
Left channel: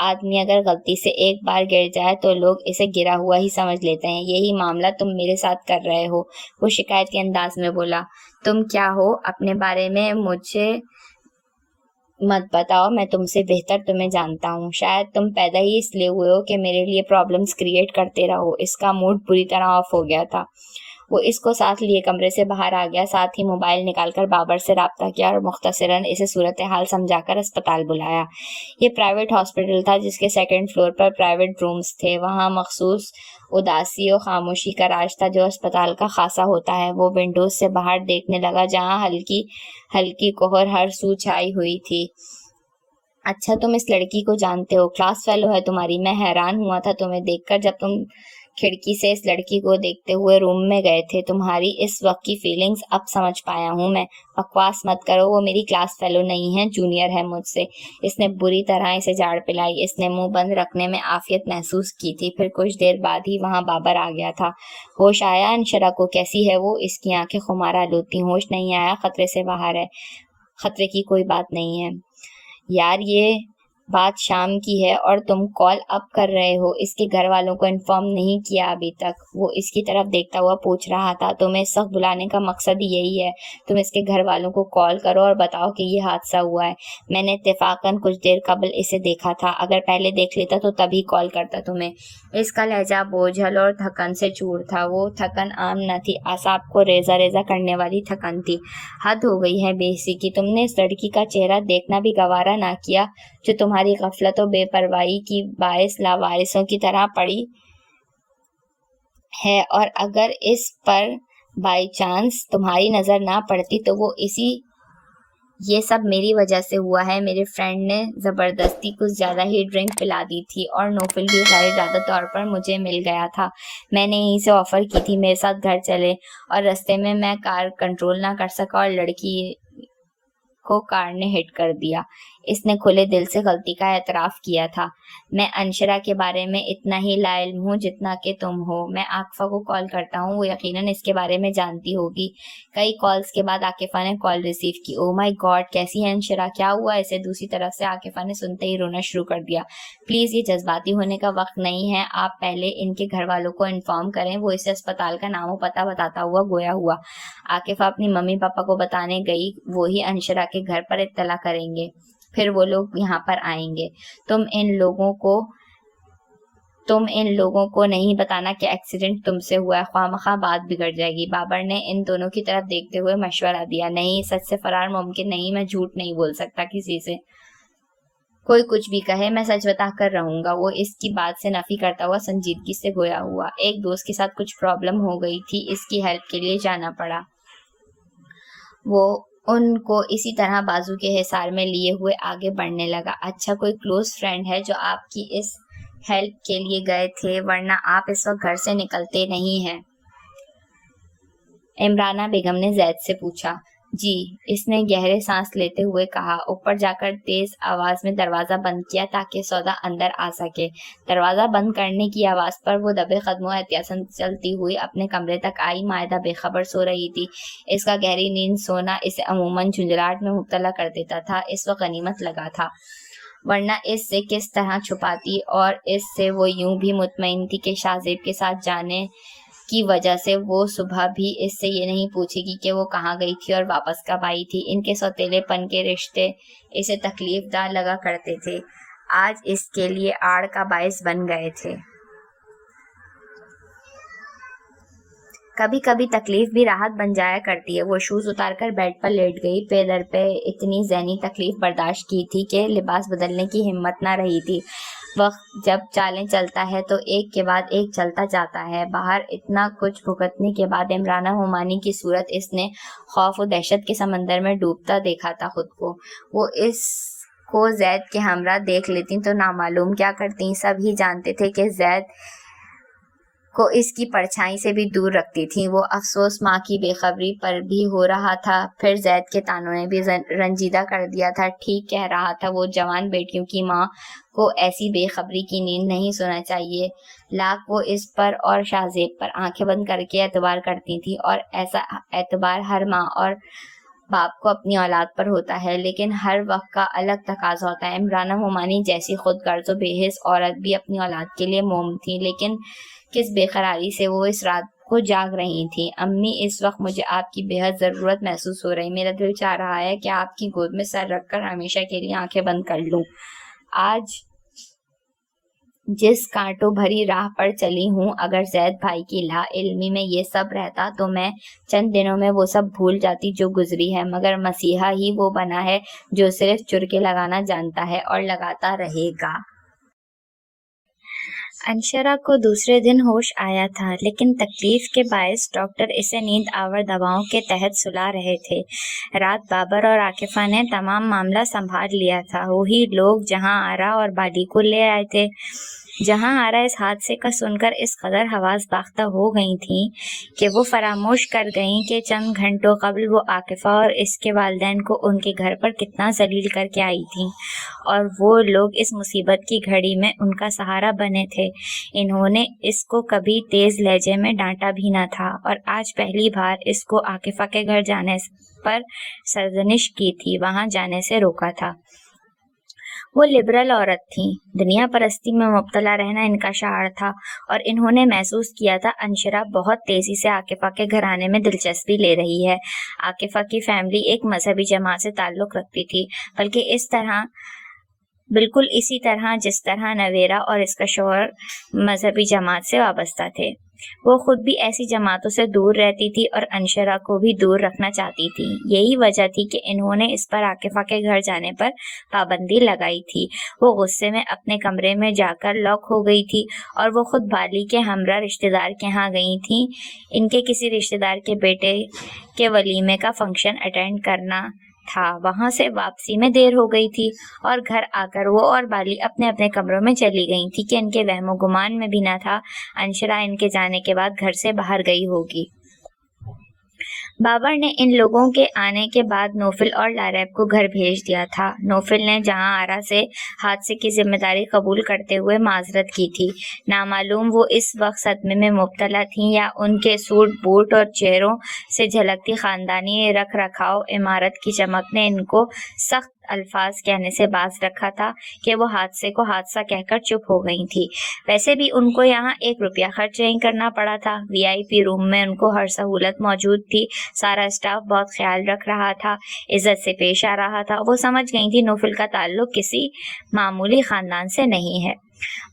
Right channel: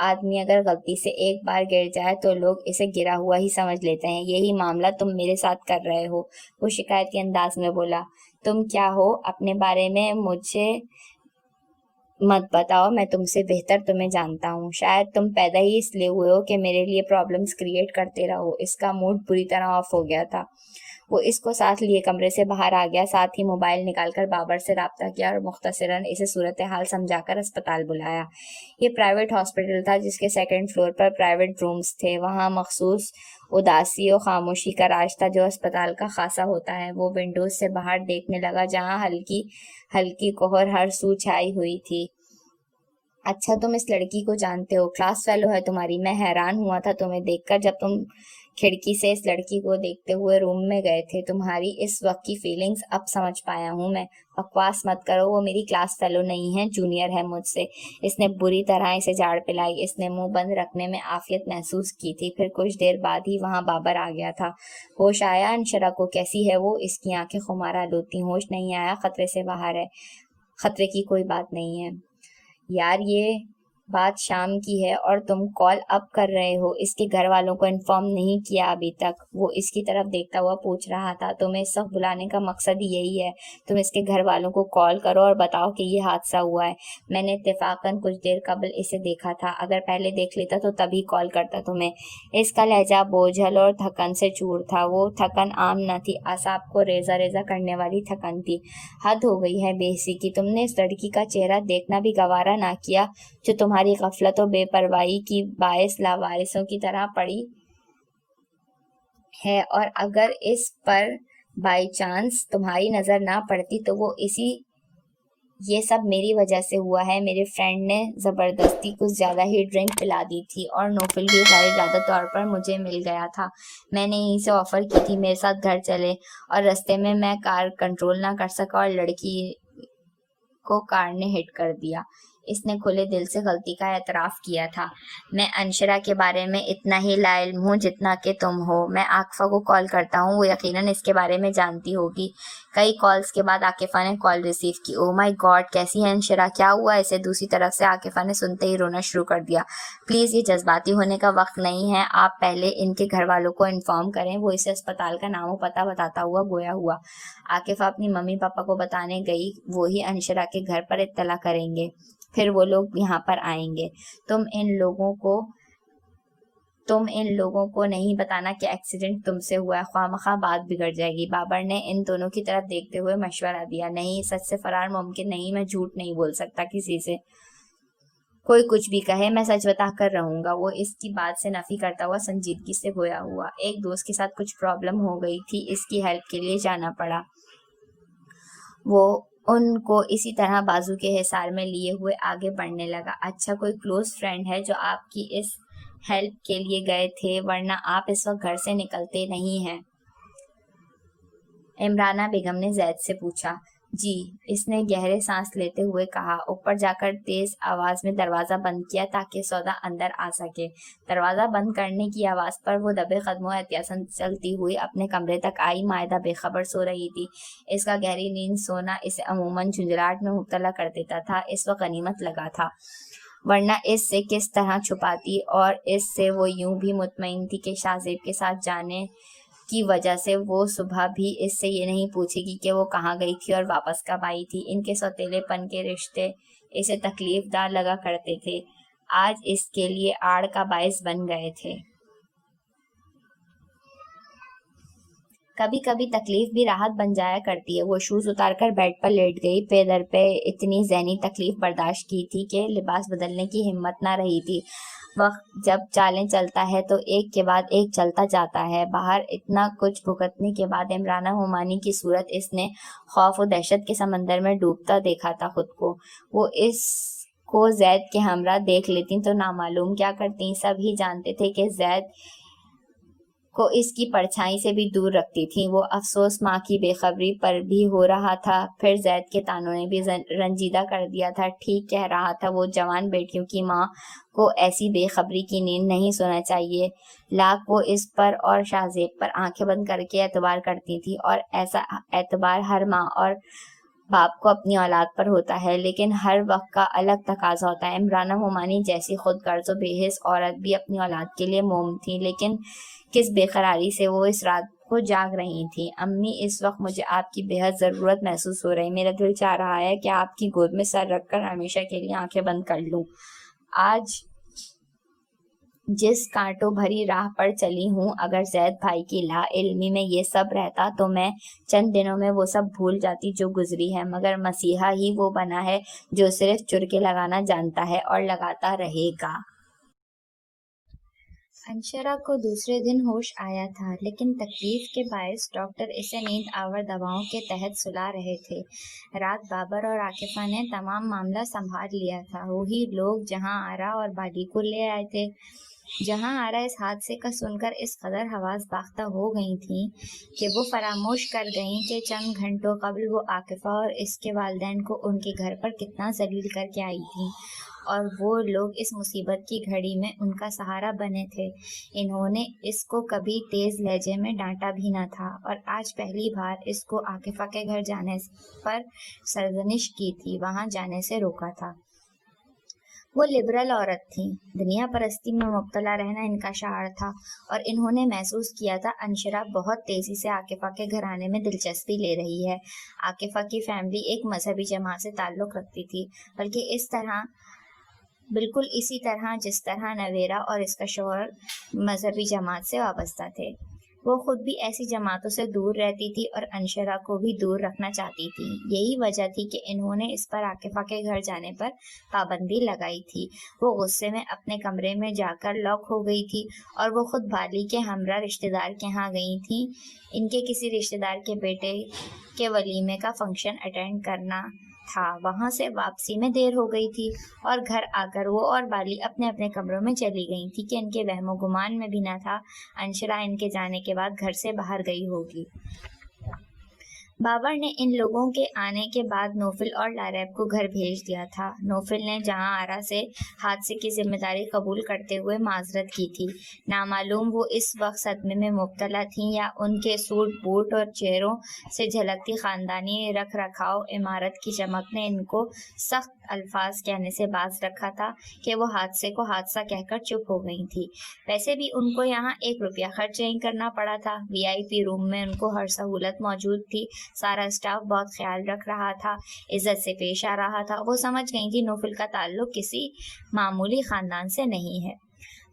آدمی اگر غلطی سے ایک بار گر جائے تو لوگ اسے گرا ہوا ہی سمجھ لیتے ہیں. یہی معاملہ تم میرے ساتھ کر رہے ہو. وہ شکایت کے انداز میں بولا. تم کیا ہو؟ اپنے بارے میں مجھے مت بتاؤ. میں تم سے بہتر تمہیں جانتا ہوں. شاید تم پیدا ہی اس لیے ہوئے ہو کہ میرے لیے پرابلمز کریٹ کرتے رہو. اس کا موڈ بری طرح آف ہو گیا تھا. وہ اس کو ساتھ لیے کمرے سے باہر آ گیا. ساتھ ہی موبائل نکال کر بابر سے رابطہ کیا اور مختصراً اسے صورتحال سمجھا کر اسپتال بلایا. یہ پرائیویٹ ہاسپٹل تھا جس کے سیکنڈ فلور پر پرائیویٹ رومز تھے. وہاں مخصوص اداسی و خاموشی کا راج تھا جو اسپتال کا خاصا ہوتا ہے. وہ ونڈوز سے باہر دیکھنے لگا جہاں ہلکی ہلکی کوہر ہر سو چھائی ہوئی تھی. اچھا تم اس لڑکی کو جانتے ہو؟ کلاس فیلو ہے تمہاری. میں حیران ہوا تھا تمہیں دیکھ کر جب تم کھڑکی سے اس لڑکی کو دیکھتے ہوئے روم میں گئے تھے. تمہاری اس وقت کی فیلنگز اب سمجھ پایا ہوں میں. بکواس مت کرو. وہ میری کلاس فیلو نہیں ہے، جونیئر ہے مجھ سے. اس نے بری طرح اسے جاڑ پلائی. اس نے منہ بند رکھنے میں عافیت محسوس کی تھی. پھر کچھ دیر بعد ہی وہاں بابر آ گیا تھا. ہوش آیا انشرا کو؟ کیسی ہے وہ؟ اس کی آنکھیں خمارہ لوتی. ہوش نہیں آیا، خطرے سے باہر ہے. خطرے کی کوئی بات نہیں ہے یار. یہ بات شام کی ہے اور تم کال اپ کر رہے ہو. اس کے گھر والوں کو انفارم نہیں کیا ابھی تک؟ وہ اس کی طرف دیکھتا ہوا پوچھ رہا تھا. تمہیں اس وقت بلانے کا مقصد ہی یہی ہے. تم اس کے گھر والوں کو کال کرو اور بتاؤ کہ یہ حادثہ ہوا ہے. میں نے اتفاقاً کچھ دیر قبل اسے دیکھا تھا. اگر پہلے دیکھ لیتا تو تبھی کال کرتا تمہیں. اس کا لہجہ بوجھل اور تھکن سے چور تھا. وہ تھکن عام نہ تھی، اعصاب کو ریزہ ریزہ کرنے والی تھکن تھی. حد ہو گئی ہے بے حسی کی. تم نے اس لڑکی کا چہرہ دیکھنا بھی گوارا نہ کیا جو تمہاری غفلت و بے پرواہی کی باعث لاوارثوں کی طرح پڑی ہے. اور اگر اس پر بائی چانس تمہاری نظر نہ پڑتی تو یہ سب میری وجہ سے ہوا ہے. میرے فرینڈ نے زبردستی کچھ زیادہ ہی ڈرنک پلا دی تھی اور نوفل بھی غیر ارادہ طور پر مجھے مل گیا تھا. میں نے یہیں سے آفر کی تھی میرے ساتھ گھر چلے، اور رستے میں کار کنٹرول نہ کر سکا اور لڑکی کو کار نے ہٹ کر دیا. اس نے کھلے دل سے غلطی کا اعتراف کیا تھا. میں انشرا کے بارے میں اتنا ہی لا علم ہوں جتنا کہ تم ہو. میں عاکفہ کو کال کرتا ہوں، وہ یقیناً اس کے بارے میں جانتی ہوگی. کئی کالز کے بعد عاکفہ نے کال ریسیو کی. او مائی گاڈ، کیسی ہے انشرا؟ کیا ہوا اسے؟ دوسری طرف سے عاکفہ نے سنتے ہی رونا شروع کر دیا. پلیز یہ جذباتی ہونے کا وقت نہیں ہے. آپ پہلے ان کے گھر والوں کو انفارم کریں. وہ اسے اسپتال کا نام و پتہ بتاتا ہوا گویا ہوا. عاکفہ اپنی ممی پاپا کو بتانے گئی. وہی انشرا کے گھر پر اطلاع کریں گے، پھر وہ لوگ یہاں پر آئیں گے. تم ان لوگوں کو نہیں بتانا کہ ایکسیڈنٹ تم سے ہوا ہے، خواہ مخواہ بات بگڑ جائے گی. بابر نے ان دونوں کی طرف دیکھتے ہوئے مشورہ دیا. نہیں، سچ سے فرار ممکن نہیں. میں جھوٹ نہیں بول سکتا کسی سے. کوئی کچھ بھی کہے میں سچ بتا کر رہوں گا. وہ اس کی بات سے نفی کرتا ہوا سنجیدگی سے گویا ہوا. ایک دوست کے ساتھ کچھ پرابلم ہو گئی تھی، اس کی ہیلپ کے لیے جانا پڑا. وہ ان کو اسی طرح بازو کے حصار میں لیے ہوئے آگے بڑھنے لگا. اچھا، کوئی کلوز فرینڈ ہے جو آپ کی اس ہیلپ کے لیے گئے تھے؟ ورنہ آپ اس وقت گھر سے نکلتے نہیں ہیں. عمرانہ بیگم نے زید سے پوچھا. جی، اس نے گہرے سانس لیتے ہوئے کہا. اوپر جا کر تیز آواز میں دروازہ بند کیا تاکہ سودا اندر آ سکے. دروازہ بند کرنے کی آواز پر وہ دبے قدموں احتیاطاً چلتی ہوئی اپنے کمرے تک آئی. مائدہ بے خبر سو رہی تھی. اس کا گہری نیند سونا اسے عموماً جھنجھلاہٹ میں مبتلا کر دیتا تھا. اس وقت غنیمت لگا تھا، ورنہ اس سے کس طرح چھپاتی. اور اس سے وہ یوں بھی مطمئن تھی کہ شاہزیب کے ساتھ جانے کی وجہ سے وہ صبح بھی اس سے یہ نہیں پوچھے گی کہ وہ کہاں گئی تھی اور واپس کب آئی تھی. ان کے سوتیلے پن کے رشتے اسے تکلیف دہ لگا کرتے تھے، آج اس کے لیے آڑ کا باعث بن گئے تھے. کبھی کبھی تکلیف بھی راحت بن جایا کرتی ہے. وہ شوز اتار کر بیڈ پر لیٹ گئی. پے در پہ اتنی ذہنی تکلیف برداشت کی تھی کہ لباس بدلنے کی ہمت نہ رہی تھی. وقت جب چالیں چلتا ہے تو ایک کے بعد ایک چلتا جاتا ہے. باہر اتنا کچھ بھگتنے کے بعد عمرانہ مومانی کی صورت اس نے خوف و دہشت کے سمندر میں ڈوبتا دیکھا تھا خود کو. وہ اس کو زید کے ہمراہ دیکھ لیتی تو نامعلوم کیا کرتی. سب ہی جانتے تھے کہ زید کو اس کی پرچھائی سے بھی دور رکھتی تھیں۔ وہ افسوس ماں کی بے خبری پر بھی ہو رہا تھا، پھر زید کے طعنوں نے بھی رنجیدہ کر دیا تھا۔ ٹھیک کہہ رہا تھا وہ، جوان بیٹیوں کی ماں کو ایسی بے خبری کی نیند نہیں سونا چاہیے۔ لاکھ وہ اس پر اور شاہ زیب پر آنکھیں بند کر کے اعتبار کرتی تھی، اور ایسا اعتبار ہر ماں اور باپ کو اپنی اولاد پر ہوتا ہے، لیکن ہر وقت کا الگ تقاضا ہوتا ہے۔ عمرانہ مومانی جیسی خود غرض و بے حس عورت بھی اپنی اولاد کے لیے موم تھی، لیکن کس بے قراری سے وہ اس رات کو جاگ رہی تھی۔ امی، اس وقت مجھے آپ کی بے حد ضرورت محسوس ہو رہی، میرا دل چاہ رہا ہے کہ آپ کی گود میں سر رکھ کر ہمیشہ کے لیے آنکھیں بند کر لوں۔ آج جس کانٹوں بھری راہ پر چلی ہوں، اگر زید بھائی کی لا علمی میں یہ سب رہتا تو میں چند دنوں میں وہ سب بھول جاتی جو گزری ہے، مگر مسیحا ہی وہ بنا ہے جو صرف چرکے لگانا جانتا ہے اور لگاتا رہے گا۔ انشرا کو دوسرے دن ہوش آیا تھا، لیکن تکلیف کے باعث ڈاکٹر اسے نیند آور دواؤں کے تحت سلا رہے تھے۔ رات بابر اور عاکفہ نے تمام معاملہ سنبھال لیا تھا، وہی لوگ جہاں آرا اور بالی کو لے آئے تھے۔ جہاں آرا اس حادثے کا سن کر اس قدر حواس باختہ ہو گئی تھیں کہ وہ فراموش کر گئیں کہ چند گھنٹوں قبل وہ عاکفہ اور اس کے والدین کو ان کے گھر پر کتنا ذلیل کر کے آئی تھیں، اور وہ لوگ اس مصیبت کی گھڑی میں ان کا سہارا بنے تھے۔ انہوں نے اس کو کبھی تیز لہجے میں ڈانٹا بھی نہ تھا، اور آج پہلی بار اس کو عاکفہ کے گھر جانے پر سرزنش کی تھی، وہاں جانے سے روکا تھا۔ وہ لبرل عورت تھیں، دنیا پرستی میں مبتلا رہنا ان کا شعار تھا، اور انہوں نے محسوس کیا تھا انشرا بہت تیزی سے عاکفہ کے گھر آنے میں دلچسپی لے رہی ہے۔ عاکفہ کی فیملی ایک مذہبی جماعت سے تعلق رکھتی تھی، بلکہ بالکل اسی طرح جس طرح نویرا اور اس کا شوہر مذہبی جماعت سے وابستہ تھے۔ وہ خود بھی ایسی جماعتوں سے دور رہتی تھی اور انشرا کو بھی دور رکھنا چاہتی تھی۔ یہی وجہ تھی کہ انہوں نے اس پر عاکفہ کے گھر جانے پر پابندی لگائی تھی۔ وہ غصے میں اپنے کمرے میں جا کر لاک ہو گئی تھی، اور وہ خود بالی کے ہمراہ رشتہ دار کے ہاں گئی تھیں۔ ان کے کسی رشتہ دار کے بیٹے کے ولیمے کا فنکشن اٹینڈ کرنا تھا، وہاں سے واپسی میں دیر ہو گئی تھی، اور گھر آ کر وہ اور بالی اپنے اپنے کمروں میں چلی گئی تھی کہ ان کے وہم و گمان میں بھی نہ تھا انشرا ان کے جانے کے بعد گھر سے باہر گئی ہوگی۔ بابر نے ان لوگوں کے آنے کے بعد نوفل اور لاریب کو گھر بھیج دیا تھا۔ نوفل نے جہاں آرا سے حادثے کی ذمہ داری قبول کرتے ہوئے معذرت کی تھی، نامعلوم وہ اس وقت صدمے میں مبتلا تھیں یا ان کے سوٹ بوٹ اور چہروں سے جھلکتی خاندانی رکھ رکھاؤ عمارت کی چمک نے ان کو سخت الفاظ کہنے سے باز رکھا تھا کہ وہ حادثے کو حادثہ کہہ کر چپ ہو گئی تھی۔ ویسے بھی ان کو یہاں 1 روپیہ خرچ نہیں کرنا پڑا تھا، VIP روم میں ان کو ہر سہولت موجود تھی، سارا اسٹاف بہت خیال رکھ رہا تھا، عزت سے پیش آ رہا تھا۔ وہ سمجھ گئی تھی نوفل کا تعلق کسی معمولی خاندان سے نہیں ہے۔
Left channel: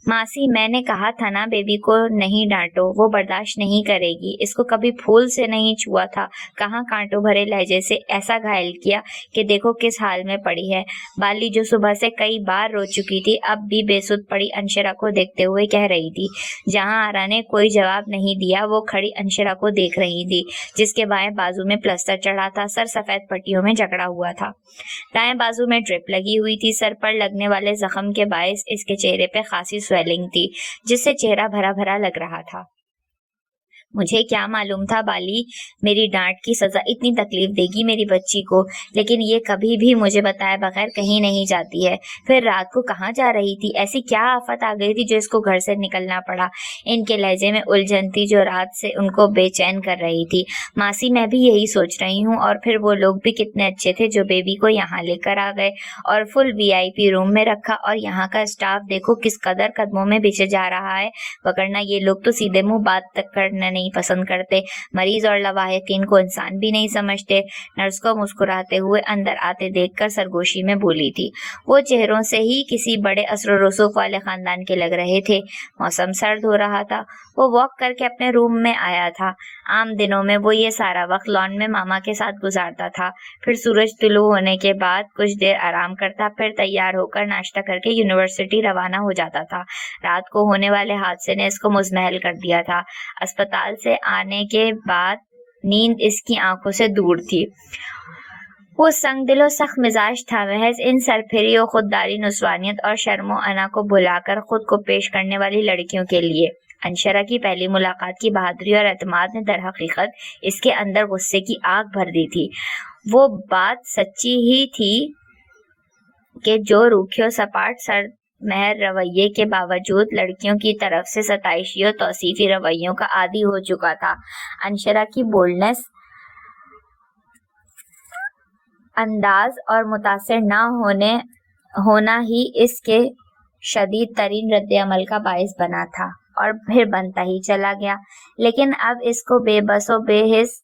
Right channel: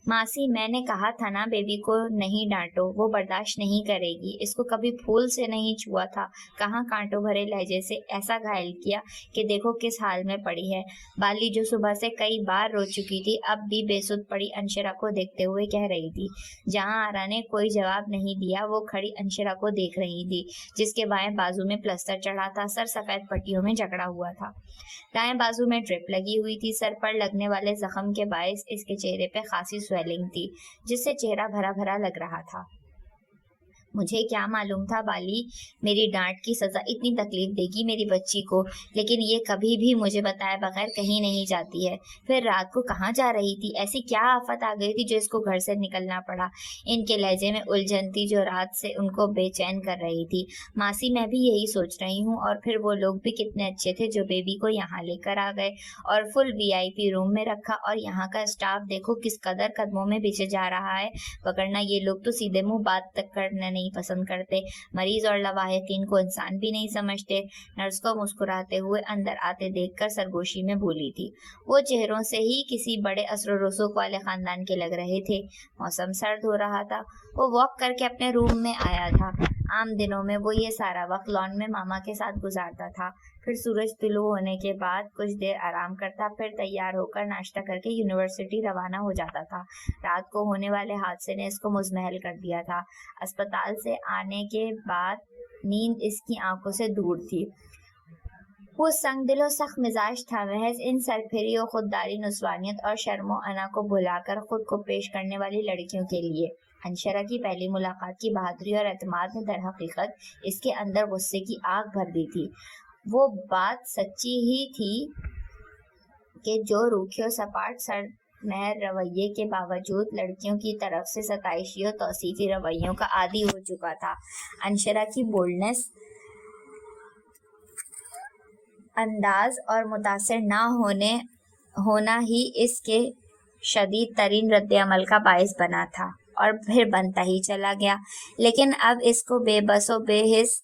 ماسی، میں نے کہا تھا نا بیبی کو نہیں ڈانٹو، وہ برداشت نہیں کرے گی، اس کو کبھی پھول سے نہیں چھوا تھا، کہاں کانٹوں بھرے لہجے سے ایسا گھائل کیا کہ دیکھو کس حال میں پڑی ہے۔ بالی جو صبح سے کئی بار رو چکی تھی، اب بھی بے سدھ پڑی انشرا کو دیکھتے ہوئے کہہ رہی تھی۔ جہاں آرا نے کوئی جواب نہیں دیا، وہ کھڑی انشرا کو دیکھ رہی تھی، جس کے بائیں بازو میں پلسٹر چڑھا تھا، سر سفید پٹیوں میں جکڑا ہوا تھا، دائیں بازو میں ڈرپ لگی ہوئی تھی، سر پر لگنے والے زخم کے باعث اس کے چہرے پہ خاصی سویلنگ تھی، جس سے چہرہ بھرا بھرا لگ رہا تھا۔ مجھے کیا معلوم تھا بالی میری ڈانٹ کی سزا اتنی تکلیف دے گی میری بچی کو، لیکن یہ کبھی بھی مجھے بتائے بغیر کہیں نہیں جاتی ہے۔ پھر رات کو کہاں جا رہی تھی؟ ایسی کیا آفت آ گئی تھی جو اس کو گھر سے نکلنا پڑا؟ ان کے لہجے میں الجھن تھی جو رات سے ان کو بے چین کر رہی تھی۔ ماسی، میں بھی یہی سوچ رہی ہوں، اور پھر وہ لوگ بھی کتنے اچھے تھے جو بیبی کو یہاں لے کر آ گئے اور فل VIP روم میں رکھا، اور یہاں کا اسٹاف دیکھو کس قدر قدموں میں پیچھے جا رہا ہے، وگرنہ یہ لوگ تو سیدھے منہ بات تک کرنا نہیں پسند کرتے، مریض اور لواحقین کو انسان بھی نہیں سمجھتے۔ نرس کو مسکراتے ہوئے اندر آتے دیکھ کر سرگوشی میں بولی تھی۔ وہ چہروں سے ہی کسی بڑے اثر و رسوخ والے خاندان کے لگ رہے تھے۔ موسم سرد ہو رہا تھا، وہ واک کر کے اپنے روم میں آیا تھا۔ عام دنوں میں وہ یہ سارا وقت لان میں ماما کے ساتھ گزارتا تھا، پھر سورج طلوع ہونے کے بعد کچھ دیر آرام کرتا، پھر تیار ہو کر ناشتہ کر کے یونیورسٹی روانہ ہو جاتا تھا۔ رات کو ہونے والے حادثے نے اس کو مزمحل کر دیا تھا۔ اسپتال سے آنے کے بعد نیند اس کی آنکھوں سے دور تھی۔ وہ سنگ دل و سخت مزاج تھا، محض ان سرپھری و خودداری نسوانیت اور شرم و انا کو بھلا کر خود کو پیش کرنے والی لڑکیوں کے لیے۔ انشرا کی پہلی ملاقات کی بہادری اور اعتماد نے در حقیقت اس کے اندر غصے کی آگ بھر دی تھی۔ وہ بات سچی ہی تھی کہ جو روکھے و سپاٹ سرد مہر رویے کے باوجود لڑکیوں کی طرف سے ستائشی اور توصیفی رویوں کا عادی ہو چکا تھا۔ انشرا کی بولڈنس، انداز اور متاثر نہ ہونا ہی اس کے شدید ترین رد عمل کا باعث بنا تھا اور پھر بنتا ہی چلا گیا۔ لیکن اب اس کو بے بس و بے حس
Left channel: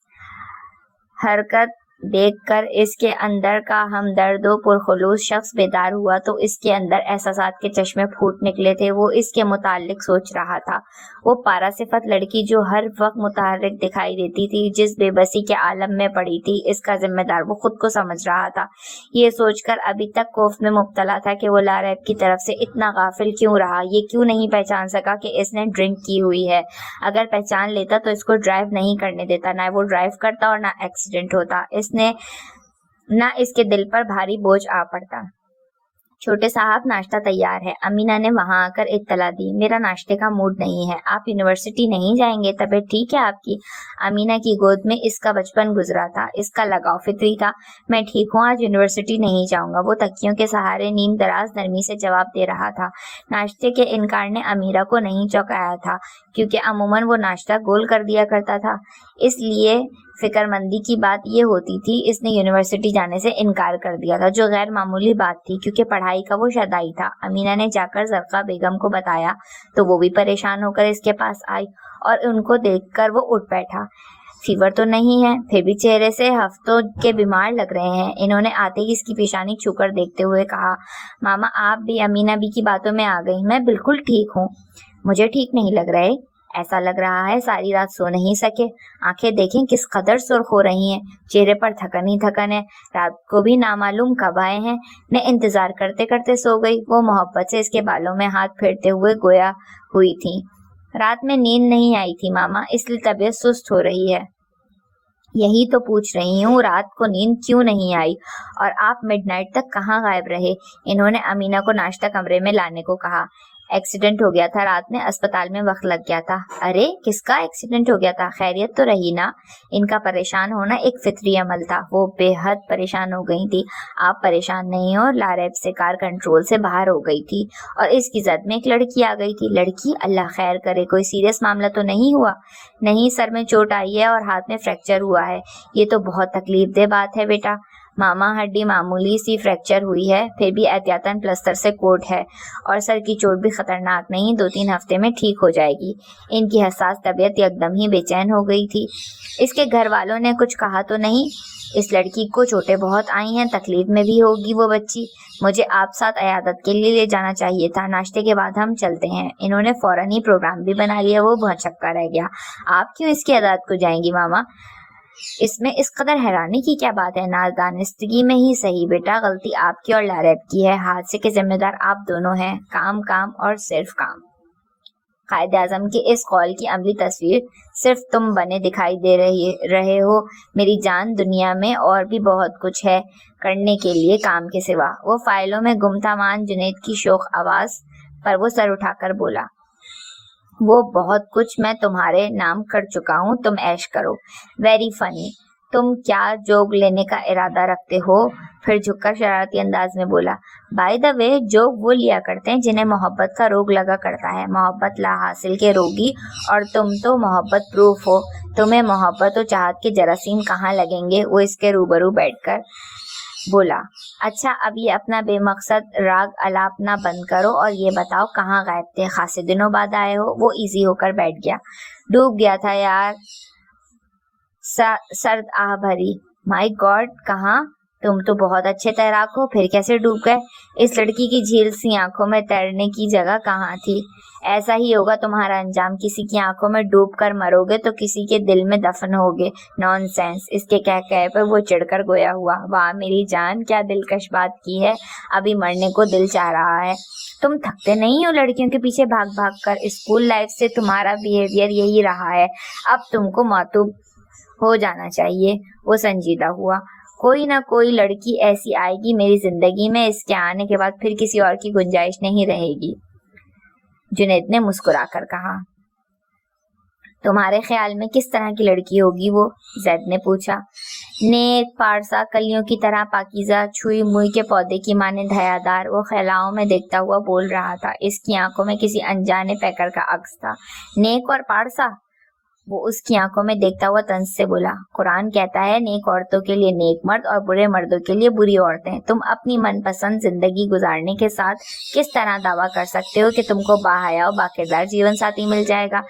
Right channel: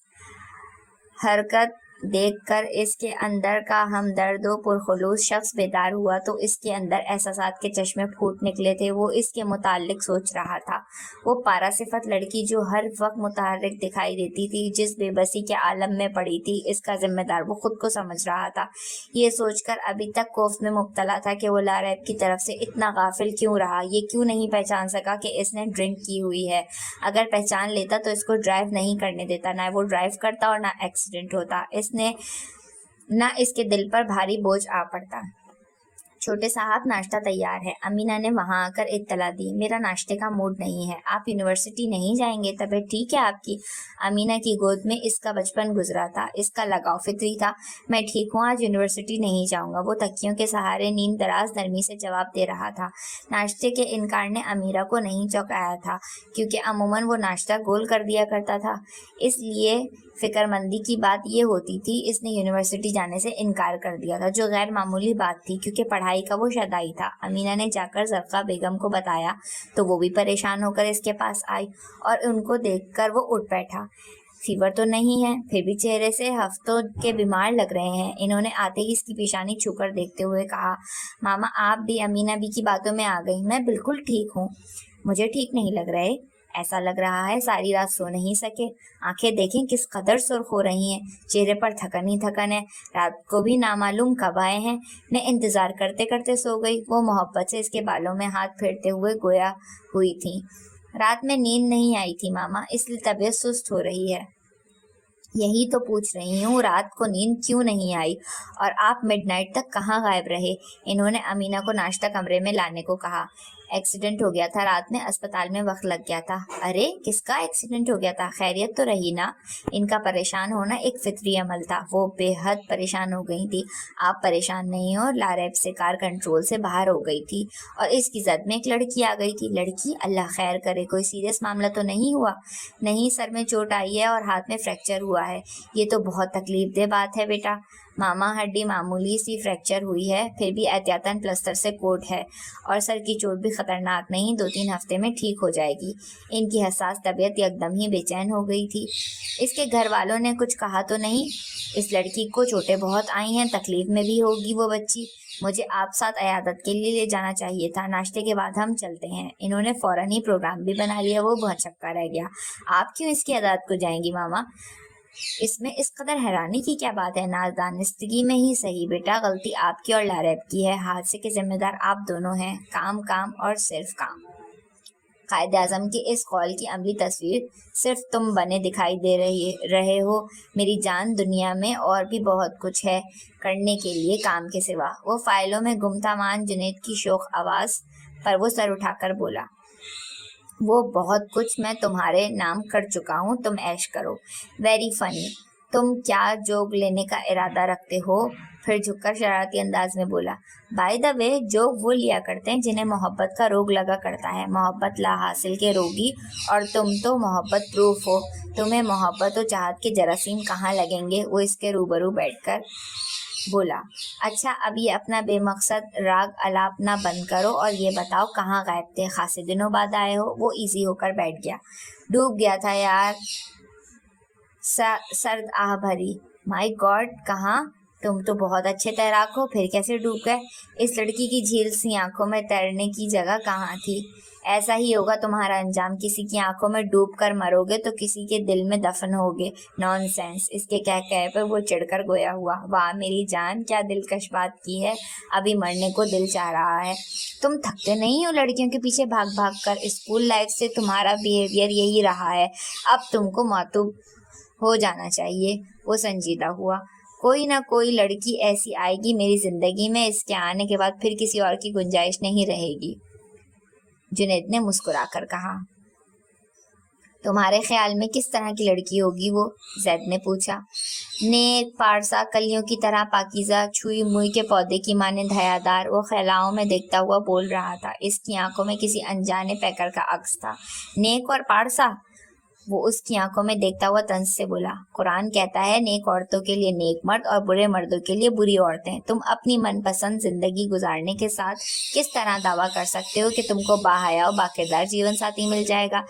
حرکت دیکھ کر اس کے اندر کا ہمدرد و پرخلوص شخص بیدار ہوا تو اس کے اندر احساسات کے چشمے پھوٹ نکلے تھے۔ وہ اس کے متعلق سوچ رہا تھا، وہ پارا صفت لڑکی جو ہر وقت متحرک دکھائی دیتی تھی، جس بے بسی کے عالم میں پڑی تھی، اس کا ذمہ دار وہ خود کو سمجھ رہا تھا۔ یہ سوچ کر ابھی تک خوف میں مبتلا تھا کہ وہ لاریب کی طرف سے اتنا غافل کیوں رہا، یہ کیوں نہیں پہچان سکا کہ اس نے ڈرنک کی ہوئی ہے۔ اگر پہچان لیتا تو اس کو ڈرائیو نہیں کرنے دیتا، نہ وہ ڈرائیو کرتا اور نہ ایکسیڈنٹ ہوتا، نہ اس کے دل پر بھاری بوجھ آ پڑتا۔ چھوٹے صاحب، ناشتہ تیار ہے، امینہ نے وہاں آ کر اطلاع دی۔ میرا ناشتے کا موڈ نہیں ہے۔ آپ یونیورسٹی نہیں جائیں گے؟ طبیعت ٹھیک ہے آپ کی؟ امینہ کی گود میں اس کا بچپن گزرا تھا، اس کا لگاؤ فطری تھا۔ میں ٹھیک ہوں، آج یونیورسٹی نہیں جاؤں گا، وہ تکیوں کے سہارے نیم دراز نرمی سے جواب دے رہا تھا۔ ناشتے کے انکار نے امیرہ کو نہیں چونکایا تھا، کیونکہ عموماً وہ ناشتہ گول کر دیا کرتا تھا۔ اس لیے فکر مندی کی بات یہ ہوتی تھی اس نے یونیورسٹی جانے سے انکار کر دیا تھا، جو غیر معمولی بات تھی کیونکہ پڑھائی کا وہ شدائی تھا۔ امینہ نے جا کر زرقا بیگم کو بتایا تو وہ بھی پریشان ہو کر اس کے پاس آئی اور ان کو دیکھ کر وہ اٹھ بیٹھا۔ فیور تو نہیں ہے؟ پھر بھی چہرے سے ہفتوں کے بیمار لگ رہے ہیں۔ انہوں نے آتے ہی اس کی پیشانی چھو کر دیکھتے ہوئے کہا، ماما آپ بھی امینہ بھی کی باتوں میں آ گئی۔ میں بالکل ٹھیک ہوں۔ مجھے ٹھیک نہیں لگ رہے؟ ایسا لگ رہا ہے ساری رات سو نہیں سکے، آنکھیں دیکھیں کس قدر سرخ ہو رہی ہیں، چہرے پر تھکن ہی تھکن ہے، رات کو بھی نامعلوم کب آئے ہیں۔ میں انتظار کرتے کرتے سو گئی۔ وہ محبت سے اس کے بالوں میں ہاتھ پھیرتے ہوئے گویا ہوئی تھی، رات میں نیند نہیں آئی تھی ماما، اس لیے طبیعت سست ہو رہی ہے۔ یہی تو پوچھ رہی ہوں، رات کو نیند کیوں نہیں آئی؟ اور آپ مڈ نائٹ تک کہاں غائب رہے؟ انہوں نے امینہ کو ناشتہ کمرے میں لانے کو کہا۔ ایکسیڈنٹ ہو گیا تھا رات میں، اسپتال میں وقت لگ گیا تھا۔ ارے کس کا ایکسیڈنٹ ہو گیا تھا؟ خیریت تو رہی نا؟ ان کا پریشان ہونا ایک فطری عمل تھا۔ وہ بے حد پریشان ہو گئی تھی۔ آپ پریشان نہیں ہو؟ لاریب سے کار کنٹرول سے باہر ہو گئی تھی اور اس کی زد میں ایک لڑکی آ گئی تھی۔ لڑکی؟ اللہ خیر کرے، کوئی سیریس معاملہ تو نہیں ہوا؟ نہیں، سر میں چوٹ آئی ہے اور ہاتھ میں فریکچر ہوا ہے۔ یہ تو بہت تکلیف دہ بات ہے بیٹا۔ ماما ہڈی معمولی سی فریکچر ہوئی ہے، پھر بھی احتیاطاً پلسٹر سے کوٹ ہے، اور سر کی چوٹ بھی خطرناک نہیں، 2-3 ہفتے میں ٹھیک ہو جائے گی۔ ان کی حساس طبیعت یکدم ہی بے چین ہو گئی تھی۔ اس کے گھر والوں نے کچھ کہا تو نہیں؟ اس لڑکی کو چوٹیں بہت آئی ہیں، تکلیف میں بھی ہوگی وہ بچی۔ مجھے آپ ساتھ عیادت کے لیے لے جانا چاہیے تھا، ناشتے کے بعد ہم چلتے ہیں۔ انہوں نے فوراً ہی پروگرام بھی بنا لیا، وہ بہت چکا رہ گیا۔ آپ کیوں اس کی عیادت کو جائیں گی ماما؟ اس میں اس قدر حیرانی کی کیا بات ہے؟ نادانستگی میں ہی صحیح بیٹا، غلطی آپ کی اور لاریب کی ہے، حادثے کے ذمہ دار آپ دونوں ہیں، کام کام اور صرف کام۔ قائد اعظم کے اس قول کی عملی تصویر صرف تم بنے دکھائی دے رہے ہو میری جان، دنیا میں اور بھی بہت کچھ ہے کرنے کے لیے کام کے سوا۔ وہ فائلوں میں گم تھا مان جنید کی شوخ آواز پر وہ سر اٹھا کر بولا، وہ بہت کچھ میں تمہارے نام کر چکا ہوں، تم عیش کرو۔ Very funny. تم کیا جوگ لینے کا ارادہ رکھتے ہو؟ پھر جھک کر شرارتی انداز میں بولا، بائی دا وے جوگ وہ لیا کرتے ہیں جنہیں محبت کا روگ لگا کرتا ہے، محبت لا حاصل کے روگی، اور تم تو محبت پروف ہو، تمہیں محبت و چاہت کے جراثیم کہاں لگیں گے؟ وہ اس کے روبرو بیٹھ کر بولا، اچھا اب یہ اپنا بے مقصد راگ الاپنا بند کرو اور یہ بتاؤ کہاں غائب تھے، خاصے دنوں بعد آئے ہو؟ وہ ایزی ہو کر بیٹھ گیا۔ ڈوب گیا تھا یار، سرد آہ بھری۔ مائی گاڈ، کہاں؟ تم تو بہت اچھے تیراک ہو، پھر کیسے ڈوب گئے؟ اس لڑکی کی جھیل سی آنکھوں میں تیرنے کی جگہ کہاں تھی؟ ایسا ہی ہوگا تمہارا انجام، کسی کی آنکھوں میں ڈوب کر مرو گے تو کسی کے دل میں دفن ہوگے۔ نان سینس۔ اس کے کہے پر وہ چڑھ کر گویا ہوا، واہ میری جان، کیا دلکش بات کی ہے، ابھی مرنے کو دل چاہ رہا ہے۔ تم تھکتے نہیں ہو لڑکیوں کے پیچھے بھاگ بھاگ کر؟ اسکول لائف سے تمہارا بیہیویئر یہی رہا ہے، اب تم کو معتوب ہو جانا چاہیے۔ وہ سنجیدہ ہوا، کوئی نہ کوئی لڑکی ایسی آئے گی میری زندگی میں، اس کے آنے کے بعد پھر کسی اور کی گنجائش نہیں رہے گی۔ جنید نے مسکرا کر کہا، تمہارے خیال میں کس طرح کی لڑکی ہوگی وہ؟ زید نے پوچھا۔ نیک، پارسا، کلیوں کی طرح پاکیزہ، چھوئی موئی کے پودے کی مانند حیادار، وہ خلاؤں میں دیکھتا ہوا بول رہا تھا۔ اس کی آنکھوں میں کسی انجانے پیکر کا عکس تھا۔ نیک اور پارسا؟ وہ اس کی آنکھوں میں دیکھتا ہوا طنز سے بولا۔ قرآن کہتا ہے نیک عورتوں کے لیے نیک مرد اور برے مردوں کے لیے بری عورتیں۔ تم اپنی من پسند زندگی گزارنے کے ساتھ کس طرح دعویٰ کر سکتے ہو کہ تم کو باحیا و باکردار جیون ساتھی مل جائے گا؟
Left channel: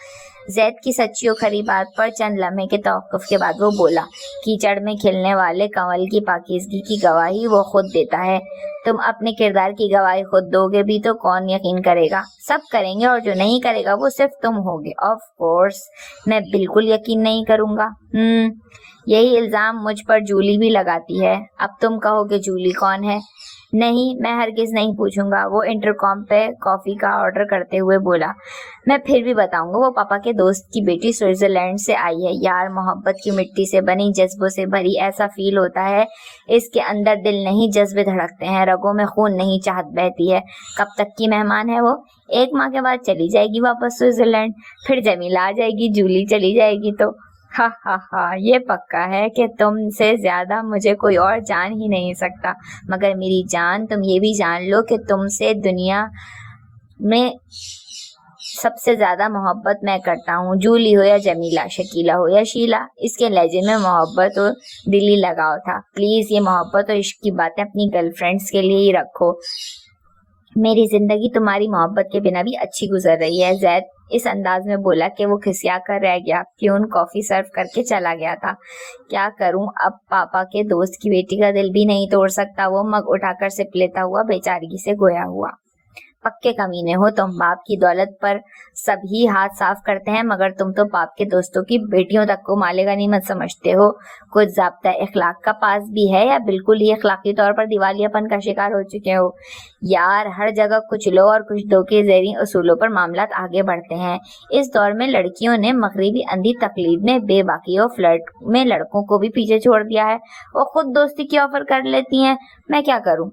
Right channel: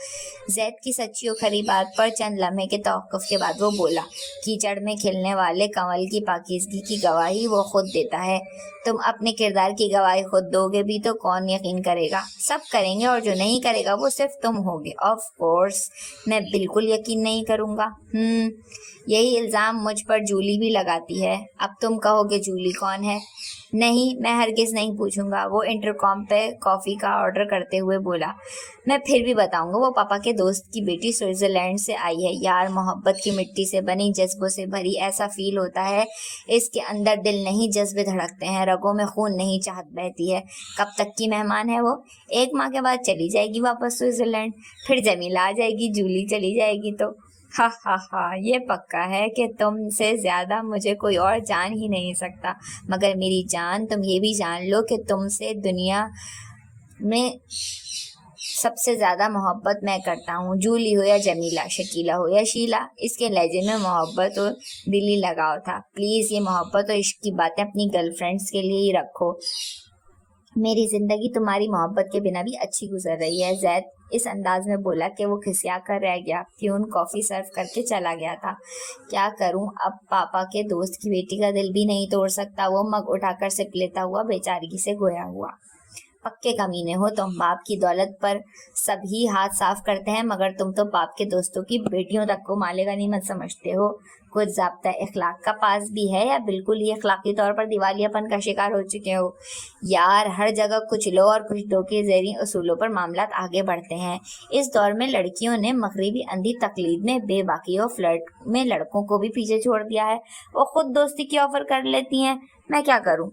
زید کی سچی و کھری بات پر چند لمحے کے توقف کے بعد وہ بولا، کیچڑ میں کھلنے والے کنول کی پاکیزگی کی گواہی وہ خود دیتا ہے۔ تم اپنے کردار کی گواہی خود دو گے بھی تو کون یقین کرے گا؟ سب کریں گے، اور جو نہیں کرے گا وہ صرف تم ہوگے۔ آف کورس میں بالکل یقین نہیں کروں گا۔ یہی الزام مجھ پر جولی بھی لگاتی ہے۔ اب تم کہو کہ جولی کون ہے؟ نہیں، میں ہرگز نہیں پوچھوں گا، وہ انٹرکام پہ کافی کا آرڈر کرتے ہوئے بولا۔ میں پھر بھی بتاؤں گا، وہ پاپا کے دوست کی بیٹی سوئٹزرلینڈ سے آئی ہے۔ یار، محبت کی مٹی سے بنی، جذبوں سے بھری، ایسا فیل ہوتا ہے اس کے اندر دل نہیں جذبے دھڑکتے ہیں، رگوں میں خون نہیں چاہت بہتی ہے۔ کب تک کی مہمان ہے وہ؟ 1 ماہ کے بعد چلی جائے گی واپس سوئٹزرلینڈ، پھر جمیلہ آ جائے گی، جولی چلی جائے گی تو ہاں ہاں ہاں، یہ پکا ہے کہ تم سے زیادہ مجھے کوئی اور جان ہی نہیں سکتا۔ مگر میری جان، تم یہ بھی جان لو کہ تم سے دنیا میں سب سے زیادہ محبت میں کرتا ہوں، جولی ہو یا جمیلہ، شکیلہ ہو یا شیلا۔ اس کے لہجے میں محبت اور دلی لگاؤ تھا۔ پلیز یہ محبت اور عشق کی باتیں اپنی گرل فرینڈس کے لیے ہی رکھو، میری زندگی تمہاری محبت کے بنا بھی اچھی گزر رہی ہے۔ زید اس انداز میں بولا کہ وہ کھسیا کر رہ گیا۔ پیون کافی سرو کر کے چلا گیا تھا۔ کیا کروں اب، پاپا کے دوست کی بیٹی کا دل بھی نہیں توڑ سکتا۔ وہ مگ اٹھا کر سپ لیتا ہوا بیچارگی سے گویا ہوا۔ پکے کمینے ہو تم، باپ کی دولت پر سب ہی ہاتھ صاف کرتے ہیں، مگر تم تو باپ کے دوستوں کی بیٹیوں تک کو مال غنیمت سمجھتے ہو۔ کچھ ضابطہ اخلاق کا پاس بھی ہے یا بالکل ہی اخلاقی طور پر دیوالیہ پن کا شکار ہو چکے ہو؟ یار، ہر جگہ کچھ لو اور کچھ دو کے زیریں اصولوں پر معاملات آگے بڑھتے ہیں۔ اس دور میں لڑکیوں نے مغربی اندھی تقلید میں بے باکی و فلرٹ میں لڑکوں کو بھی پیچھے چھوڑ دیا ہے۔ وہ خود دوستی کی آفر کر لیتی ہیں، میں کیا کروں؟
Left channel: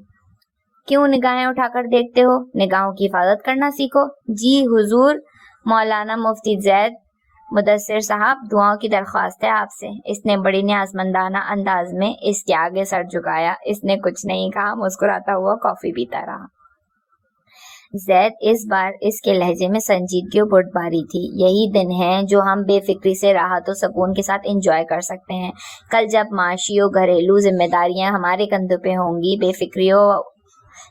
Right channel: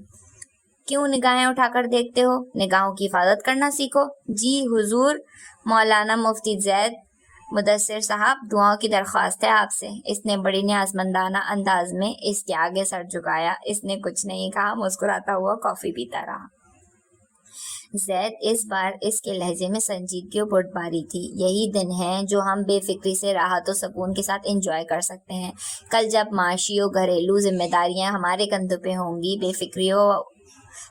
کیوں نگاہیں اٹھا کر دیکھتے ہو؟ نگاہوں کی حفاظت کرنا سیکھو۔ جی حضور، مولانا مفتی زید مدثر صاحب، دعاؤں کی درخواست ہے آپ سے۔ اس نے بڑی نیازمندانہ انداز میں اس کے آگے سر جھکایا۔ اس نے کچھ نہیں کہا، مسکراتا ہوا کافی پیتا رہا۔ زید اس بار اس کے لہجے میں سنجیدگی و بردباری تھی۔ یہی دن ہے جو ہم بے فکری سے راحت و سکون کے ساتھ انجوائے کر سکتے ہیں۔ کل جب معاشی و گھریلو ذمہ داریاں ہمارے کندھوں پہ ہوں گی، بے فکری و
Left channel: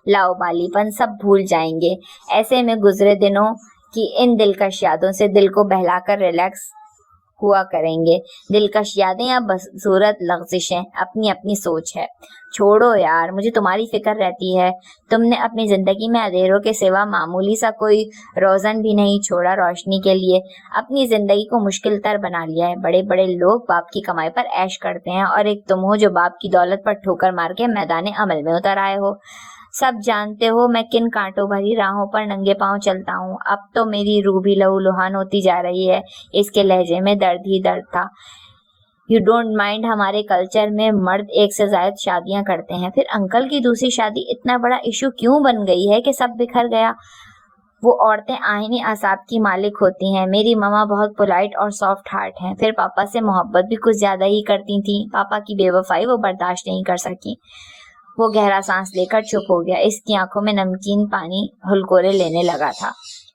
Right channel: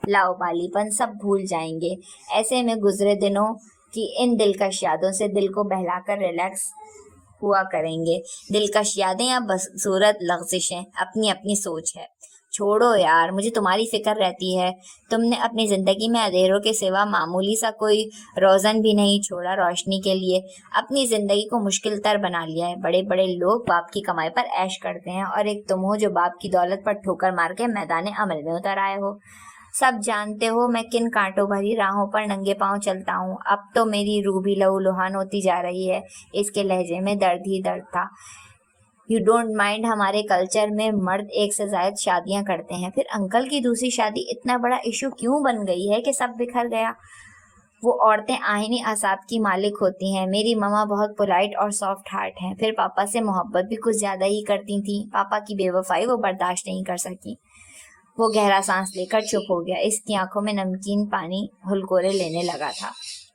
لاؤبالی پن سب بھول جائیں گے۔ ایسے میں گزرے دنوں کی ان دلکش یادوں سے دل کو بہلا کر ریلیکس ہوا کریں گے۔ دلکش یادیں یا بصورت لغزشیں، اپنی اپنی سوچ ہے۔ چھوڑو یار، مجھے تمہاری فکر رہتی ہے۔ تم نے اپنی زندگی میں اندھیروں کے سوا معمولی سا کوئی روزن بھی نہیں چھوڑا روشنی کے لیے۔ اپنی زندگی کو مشکل تر بنا لیا ہے۔ بڑے بڑے لوگ باپ کی کمائی پر عیش کرتے ہیں، اور ایک تم ہو جو باپ کی دولت پر ٹھوکر مار کے میدان عمل میں اتر آئے ہو۔ سب جانتے ہو میں کن کانٹوں بھری راہوں پر ننگے پاؤں چلتا ہوں۔ اب تو میری روح بھی لہو لہان ہوتی جا رہی ہے۔ اس کے لہجے میں درد ہی درد تھا۔ یو ڈونٹ مائنڈ، ہمارے کلچر میں مرد 1 سے زائد شادیاں کرتے ہیں، پھر انکل کی دوسری شادی اتنا بڑا ایشو کیوں بن گئی ہے کہ سب بکھر گیا؟ وہ عورتیں آئینی اعصاب کی مالک ہوتی ہیں۔ میری ماما بہت پولائٹ اور سافٹ ہارٹ ہیں، پھر پاپا سے محبت بھی کچھ زیادہ ہی کرتی تھیں۔ پاپا کی بے وفائی وہ برداشت نہیں کر سکی۔ وہ گہرا سانس لے کر چپ ہو گیا۔ اس کی آنکھوں میں نمکین پانی ہلکورے لینے لگا تھا۔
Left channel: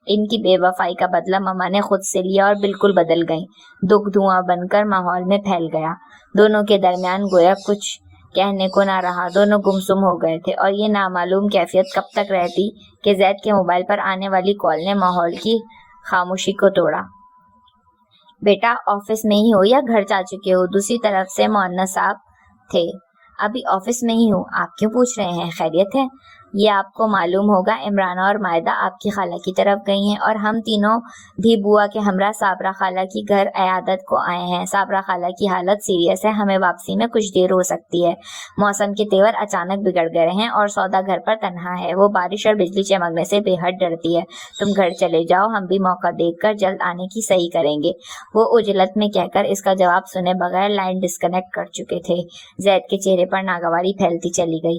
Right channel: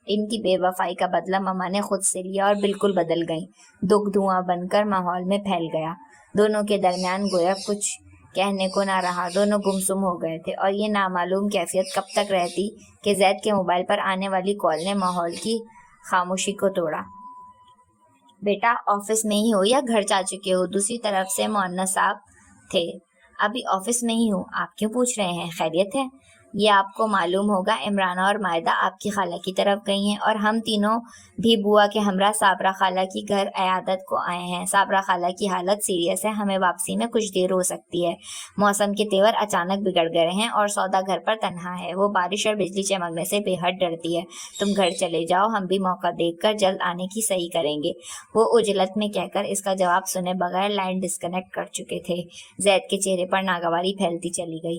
ان کی بے وفائی کا بدلہ ماما نے خود سے لیا اور بالکل بدل گئیں۔ دکھ دھواں بن کر ماحول میں پھیل گیا۔ دونوں کے درمیان گویا کچھ کہنے کو نہ رہا۔ دونوں گمسم ہو گئے تھے، اور یہ نامعلوم کیفیت کب تک رہتی کہ زید کے موبائل پر آنے والی کال نے ماحول کی خاموشی کو توڑا۔ بیٹا، آفس میں ہی ہو یا گھر جا چکے ہو؟ دوسری طرف سے مؤنس صاحب تھے۔ ابھی آفس میں ہی ہوں۔ آپ کیوں پوچھ رہے ہیں؟ خیریت ہے؟ یہ آپ کو معلوم ہوگا، عمرانہ اور مائدہ آپ کی خالہ کی طرف گئی ہیں، اور ہم تینوں بھی بوا کے ہمراہ صابرہ خالہ کی گھر عیادت کو آئے ہیں۔ صابرہ خالہ کی حالت سیریس ہے، ہمیں واپسی میں کچھ دیر ہو سکتی ہے۔ موسم کے تیور اچانک بگڑ گئے ہیں، اور سودا گھر پر تنہا ہے۔ وہ بارش اور بجلی چمکنے سے بے حد ڈرتی ہے۔ تم گھر چلے جاؤ، ہم بھی موقع دیکھ کر جلد آنے کی صحیح کریں گے۔ وہ عجلت میں کہہ کر اس کا جواب سنے بغیر لائن ڈسکنیکٹ کر چکے تھے۔ زید کے چہرے پر ناگواری پھیلتی چلی گئی۔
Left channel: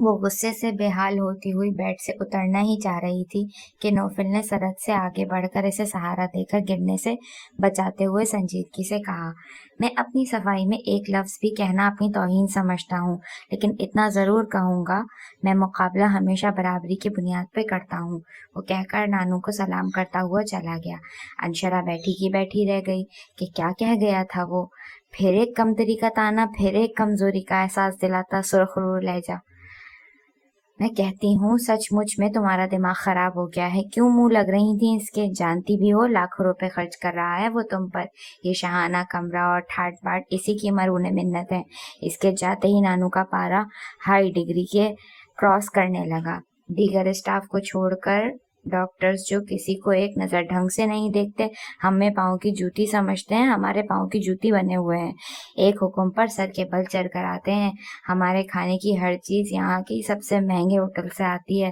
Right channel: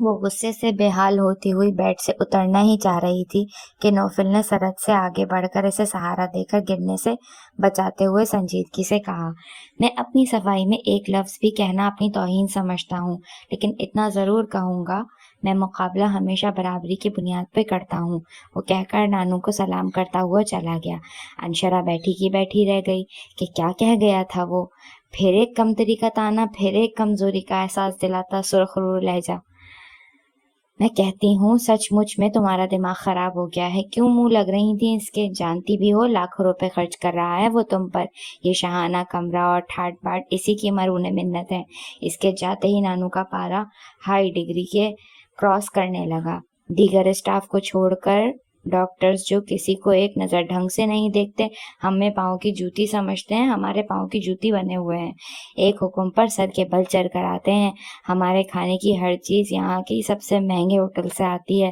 وہ غصے سے بے حال ہوتی ہوئی بیڈ سے اترنا ہی چاہ رہی تھی کہ نوفل نے سرد سے آگے بڑھ کر اسے سہارا دے کر گرنے سے بچاتے ہوئے سنجیدگی سے کہا، میں اپنی صفائی میں ایک لفظ بھی کہنا اپنی توہین سمجھتا ہوں، لیکن اتنا ضرور کہوں گا، میں مقابلہ ہمیشہ برابری کی بنیاد پہ کرتا ہوں۔ وہ کہہ کر نانو کو سلام کرتا ہوا چلا گیا۔ انشرا بیٹھی کی بیٹھی رہ گئی کہ کیا کہہ گیا تھا وہ؟ پھر ایک کمتری کا تانا، پھر ایک کمزوری کا احساس دلاتا سرخ رو لہجہ۔ میں کہتی ہوں سچ مچ میں تمہارا دماغ خراب ہو گیا ہے، کیوں منہ لگ رہی تھی اس کے؟ جانتی بھی ہو لاکھوں روپے خرچ کر رہا ہے وہ تم پر، یہ شاہانہ کمرہ اور ٹھاٹ باٹ اسی کی مرہون منت ہے۔ اس کے جاتے ہی نانو کا پارا ہائی ڈگری کے کراس کرنے لگا۔ دیگر اسٹاف کو چھوڑ کر ڈاکٹرز جو کسی کو ایک نظر ڈھنگ سے نہیں دیکھتے، ہمیں پاؤں کی جوتی سمجھتے ہیں، ہمارے پاؤں کی جوتی بنے ہوئے ہیں، ایک حکم پر سر کے بل چڑھ کر آتے ہیں۔ ہمارے کھانے کی ہر چیز یہاں کی سب سے مہنگے ہوٹل سے آتی ہے۔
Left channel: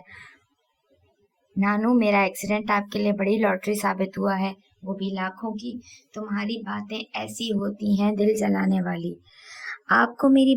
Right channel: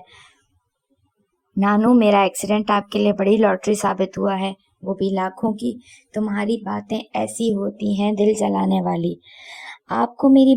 نانو، میرا ایکسیڈنٹ آپ کے لیے بڑی لاٹری ثابت ہوا ہے، وہ بھی لاکھوں کی۔ تمہاری باتیں ایسی ہوتی ہیں دل جلانے والی۔ آپ کو میری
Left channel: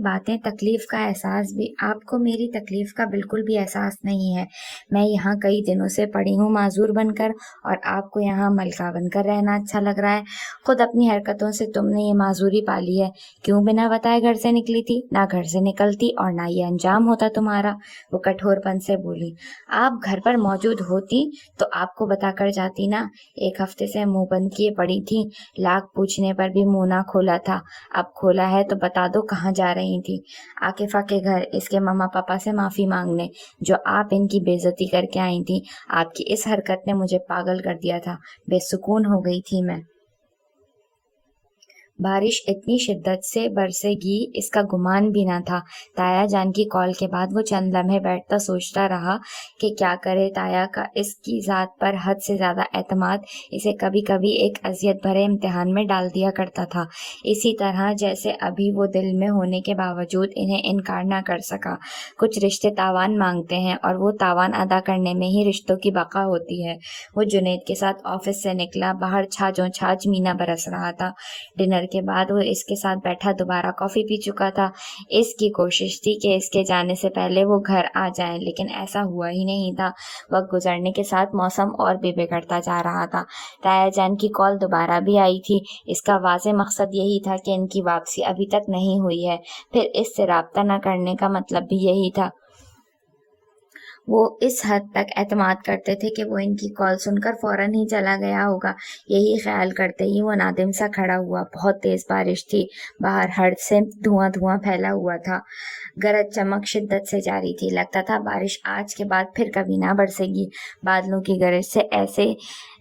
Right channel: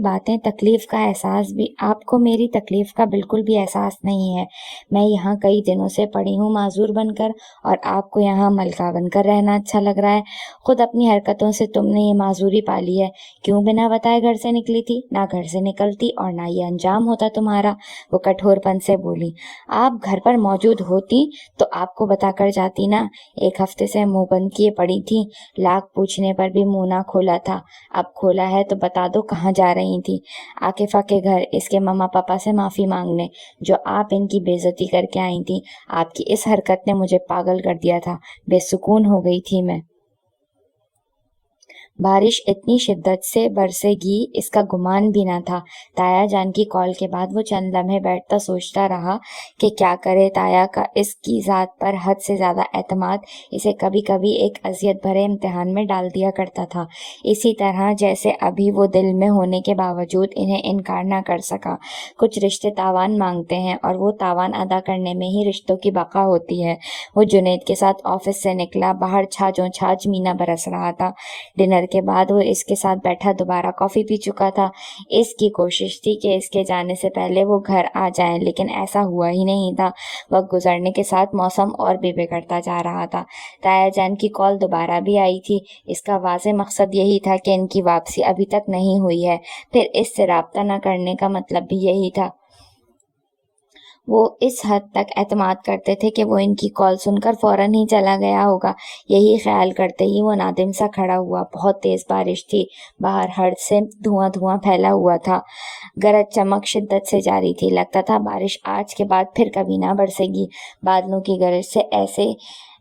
تکلیف کا بالکل بھی احساس نہیں ہے۔ میں یہاں کئی دنوں سے پڑی ہوں معذور بن کر، اور آپ کو یہاں ملکہ بن کر رہنا اچھا لگ رہا ہے۔ خود اپنی حرکتوں سے تم نے یہ معذوری پالی ہے۔ کیوں بنا بتائے گھر سے نکلی تھی؟ نہ گھر سے نکلتی اور نہ یہ انجام ہوتا تمہارا۔ وہ کٹھور پن سے بولی۔ آپ گھر پر موجود ہوتی تو آپ کو بتا کر جاتی نا۔ ایک ہفتے سے منہ بند کیے پڑی تھی، لاکھ پوچھنے پر بھی منہ نہ کھولا تھا، اب کھولا ہے تو بتا دو کہاں جا رہی تھی؟ عاقفہ کے گھر، اس کے ماما پاپا سے معافی مانگنے، جو آپ ان کی بے عزتی کر کے آئی تھی۔ آپ کی اس حرکت نے مجھے پاگل کر دیا تھا، بے سکون ہو گئی تھی میں۔ بارش اتنی شدت سے برسے گی اس کا گمان بھی نہ تھا۔ تایا جان کی کال کے بعد وہ چند لمحے بیٹھتا سوچتا رہا کہ کیا کرے۔ تایا کا اس کی ذات پر حد سے زیادہ اعتماد اسے کبھی کبھی ایک اذیت بھرے امتحان میں ڈال دیا کرتا تھا، اسی طرح جیسے ابھی وہ دل میں ہونے کے باوجود انہیں انکار نہ کر سکا۔ کچھ رشتے تاوان مانگتے ہیں اور وہ تاوان ادا کرنے میں ہی رشتوں کی بقا ہوتی ہے۔ وہ جنید کے ساتھ آفس سے نکلا، باہر چھاجوں چھاج مینا برس رہا تھا۔ ڈنر کے بعد وہ اس کے ساتھ بیٹھا دوبارہ کافی پی چکا تھا۔ اس کی کوشش تھی کہ اس کے جانے سے پہلے وہ گھر آ جائیں، لیکن ایسا ہوا ہی نہیں تھا۔ وقت گزرنے کے ساتھ موسم اور بھی بگڑتا جا رہا تھا۔ تایا جان کی کال دوبارہ بھی آئی تھی۔ اس کا واضح مقصد یہی تھا کہ ان کی واپسی ابھی تک نہیں ہوئی ہے، پھر اس سے رابطہ نہ کرنے کا مطلب بھی یہی تھا۔ وہ اس حد تک اعتماد کرتے تھے کہ وہ ان کی کال سن کر فوراً ہی چلا گیا ہوگا۔ یہی خیال کرتے ہی وہ نادم سا کھڑا ہوا۔ بہت تیز بارش تھی، باہر ہڑ سے دھواں پھیلا ہوا تھا، گرج چمک شدت سے جاری تھی۔ لگتا تھا بارش آج کے بعد پھر کبھی نہ برسے گی۔ بادلوں کی گرج سے ایسے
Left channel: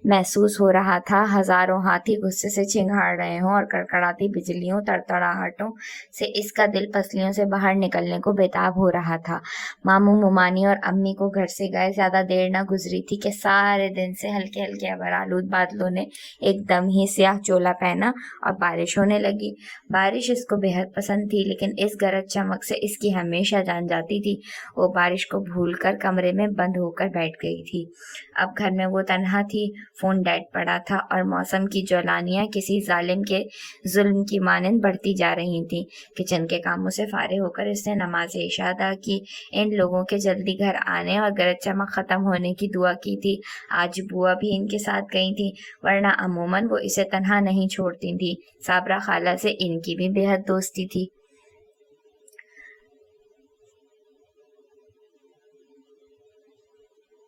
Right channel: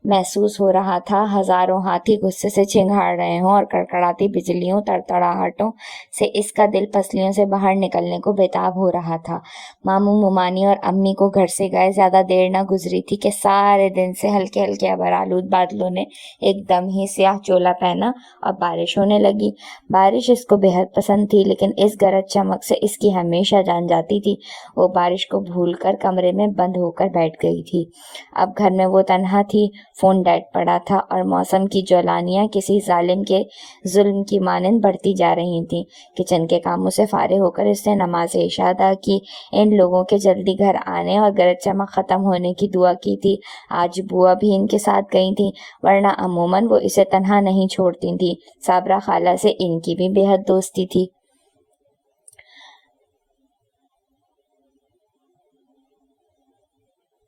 محسوس ہو رہا تھا ہزاروں ہاتھی غصے سے چنگھاڑ رہے ہوں، اور کڑکڑاتی بجلیوں تڑتڑاہٹوں سے اس کا دل پسلیوں سے باہر نکلنے کو بےتاب ہو رہا تھا۔ ماموں ممانی اور امی کو گھر سے گئے زیادہ دیر نہ گزری تھی کہ سارے دن سے ہلکے ہلکے ابرآلود بادلوں نے ایک دم ہی سیاہ چولا پہنا اور بارش ہونے لگی۔ بارش اس کو بے حد پسند تھی، لیکن اس گرج چمک سے اس کی ہمیشہ جان جاتی تھی۔ وہ بارش کو بھول کر کمرے میں بند ہو کر بیٹھ گئی تھی۔ اب گھر میں وہ تنہا تھی، فون ڈیڈ پڑا تھا، اور موسم کی جولانیاں کسی ظالم کے ظلم کی مانند بڑھتی جا رہی تھیں۔ کچن کے کاموں سے فارغ ہو کر اس نے نماز عشاء ادا کی، ان لوگوں کے جلدی گھر آنے اور گرج چمک ختم ہونے کی دعا کی تھی۔ آج بوا بھی ان کے ساتھ گئی تھی، ورنہ عموماً وہ اسے تنہا نہیں چھوڑتی تھی۔ صابرہ خالہ سے ان کی بھی بے حد دوستی تھی۔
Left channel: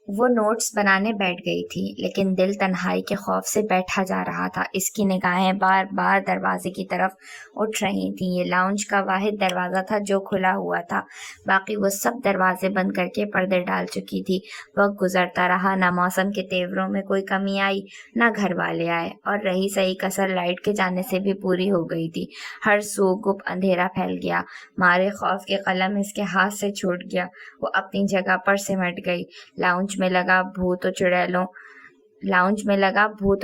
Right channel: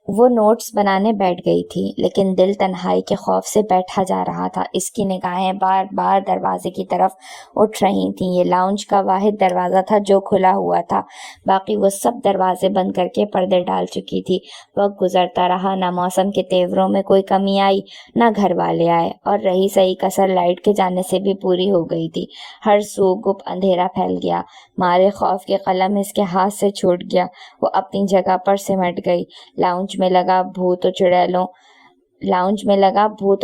وہ نوٹس بنانے بیٹھ گئی تھی، لیکن دل تنہائی کے خوف سے بیٹھا جا رہا تھا۔ اس کی نگاہیں بار بار دروازے کی طرف اٹھ رہی تھیں۔ یہ لاؤنج کا واحد دروازہ تھا جو کھلا ہوا تھا، باقی وہ سب دروازے بند کر کے پردے ڈال چکی تھی۔ وقت گزرتا رہا، نہ موسم کے تیوروں میں کوئی کمی آئی، نہ گھر والے آئے، اور رہی سہی کسر لائٹ کے جانے سے بھی پوری ہو گئی تھی۔ ہر سو گپ اندھیرا پھیل گیا۔ مارے خوف کے قلم اس کے ہاتھ سے چھوٹ گیا۔ وہ اپنی جگہ پر سمٹ گئی۔ لاؤنج میں لگا بھوت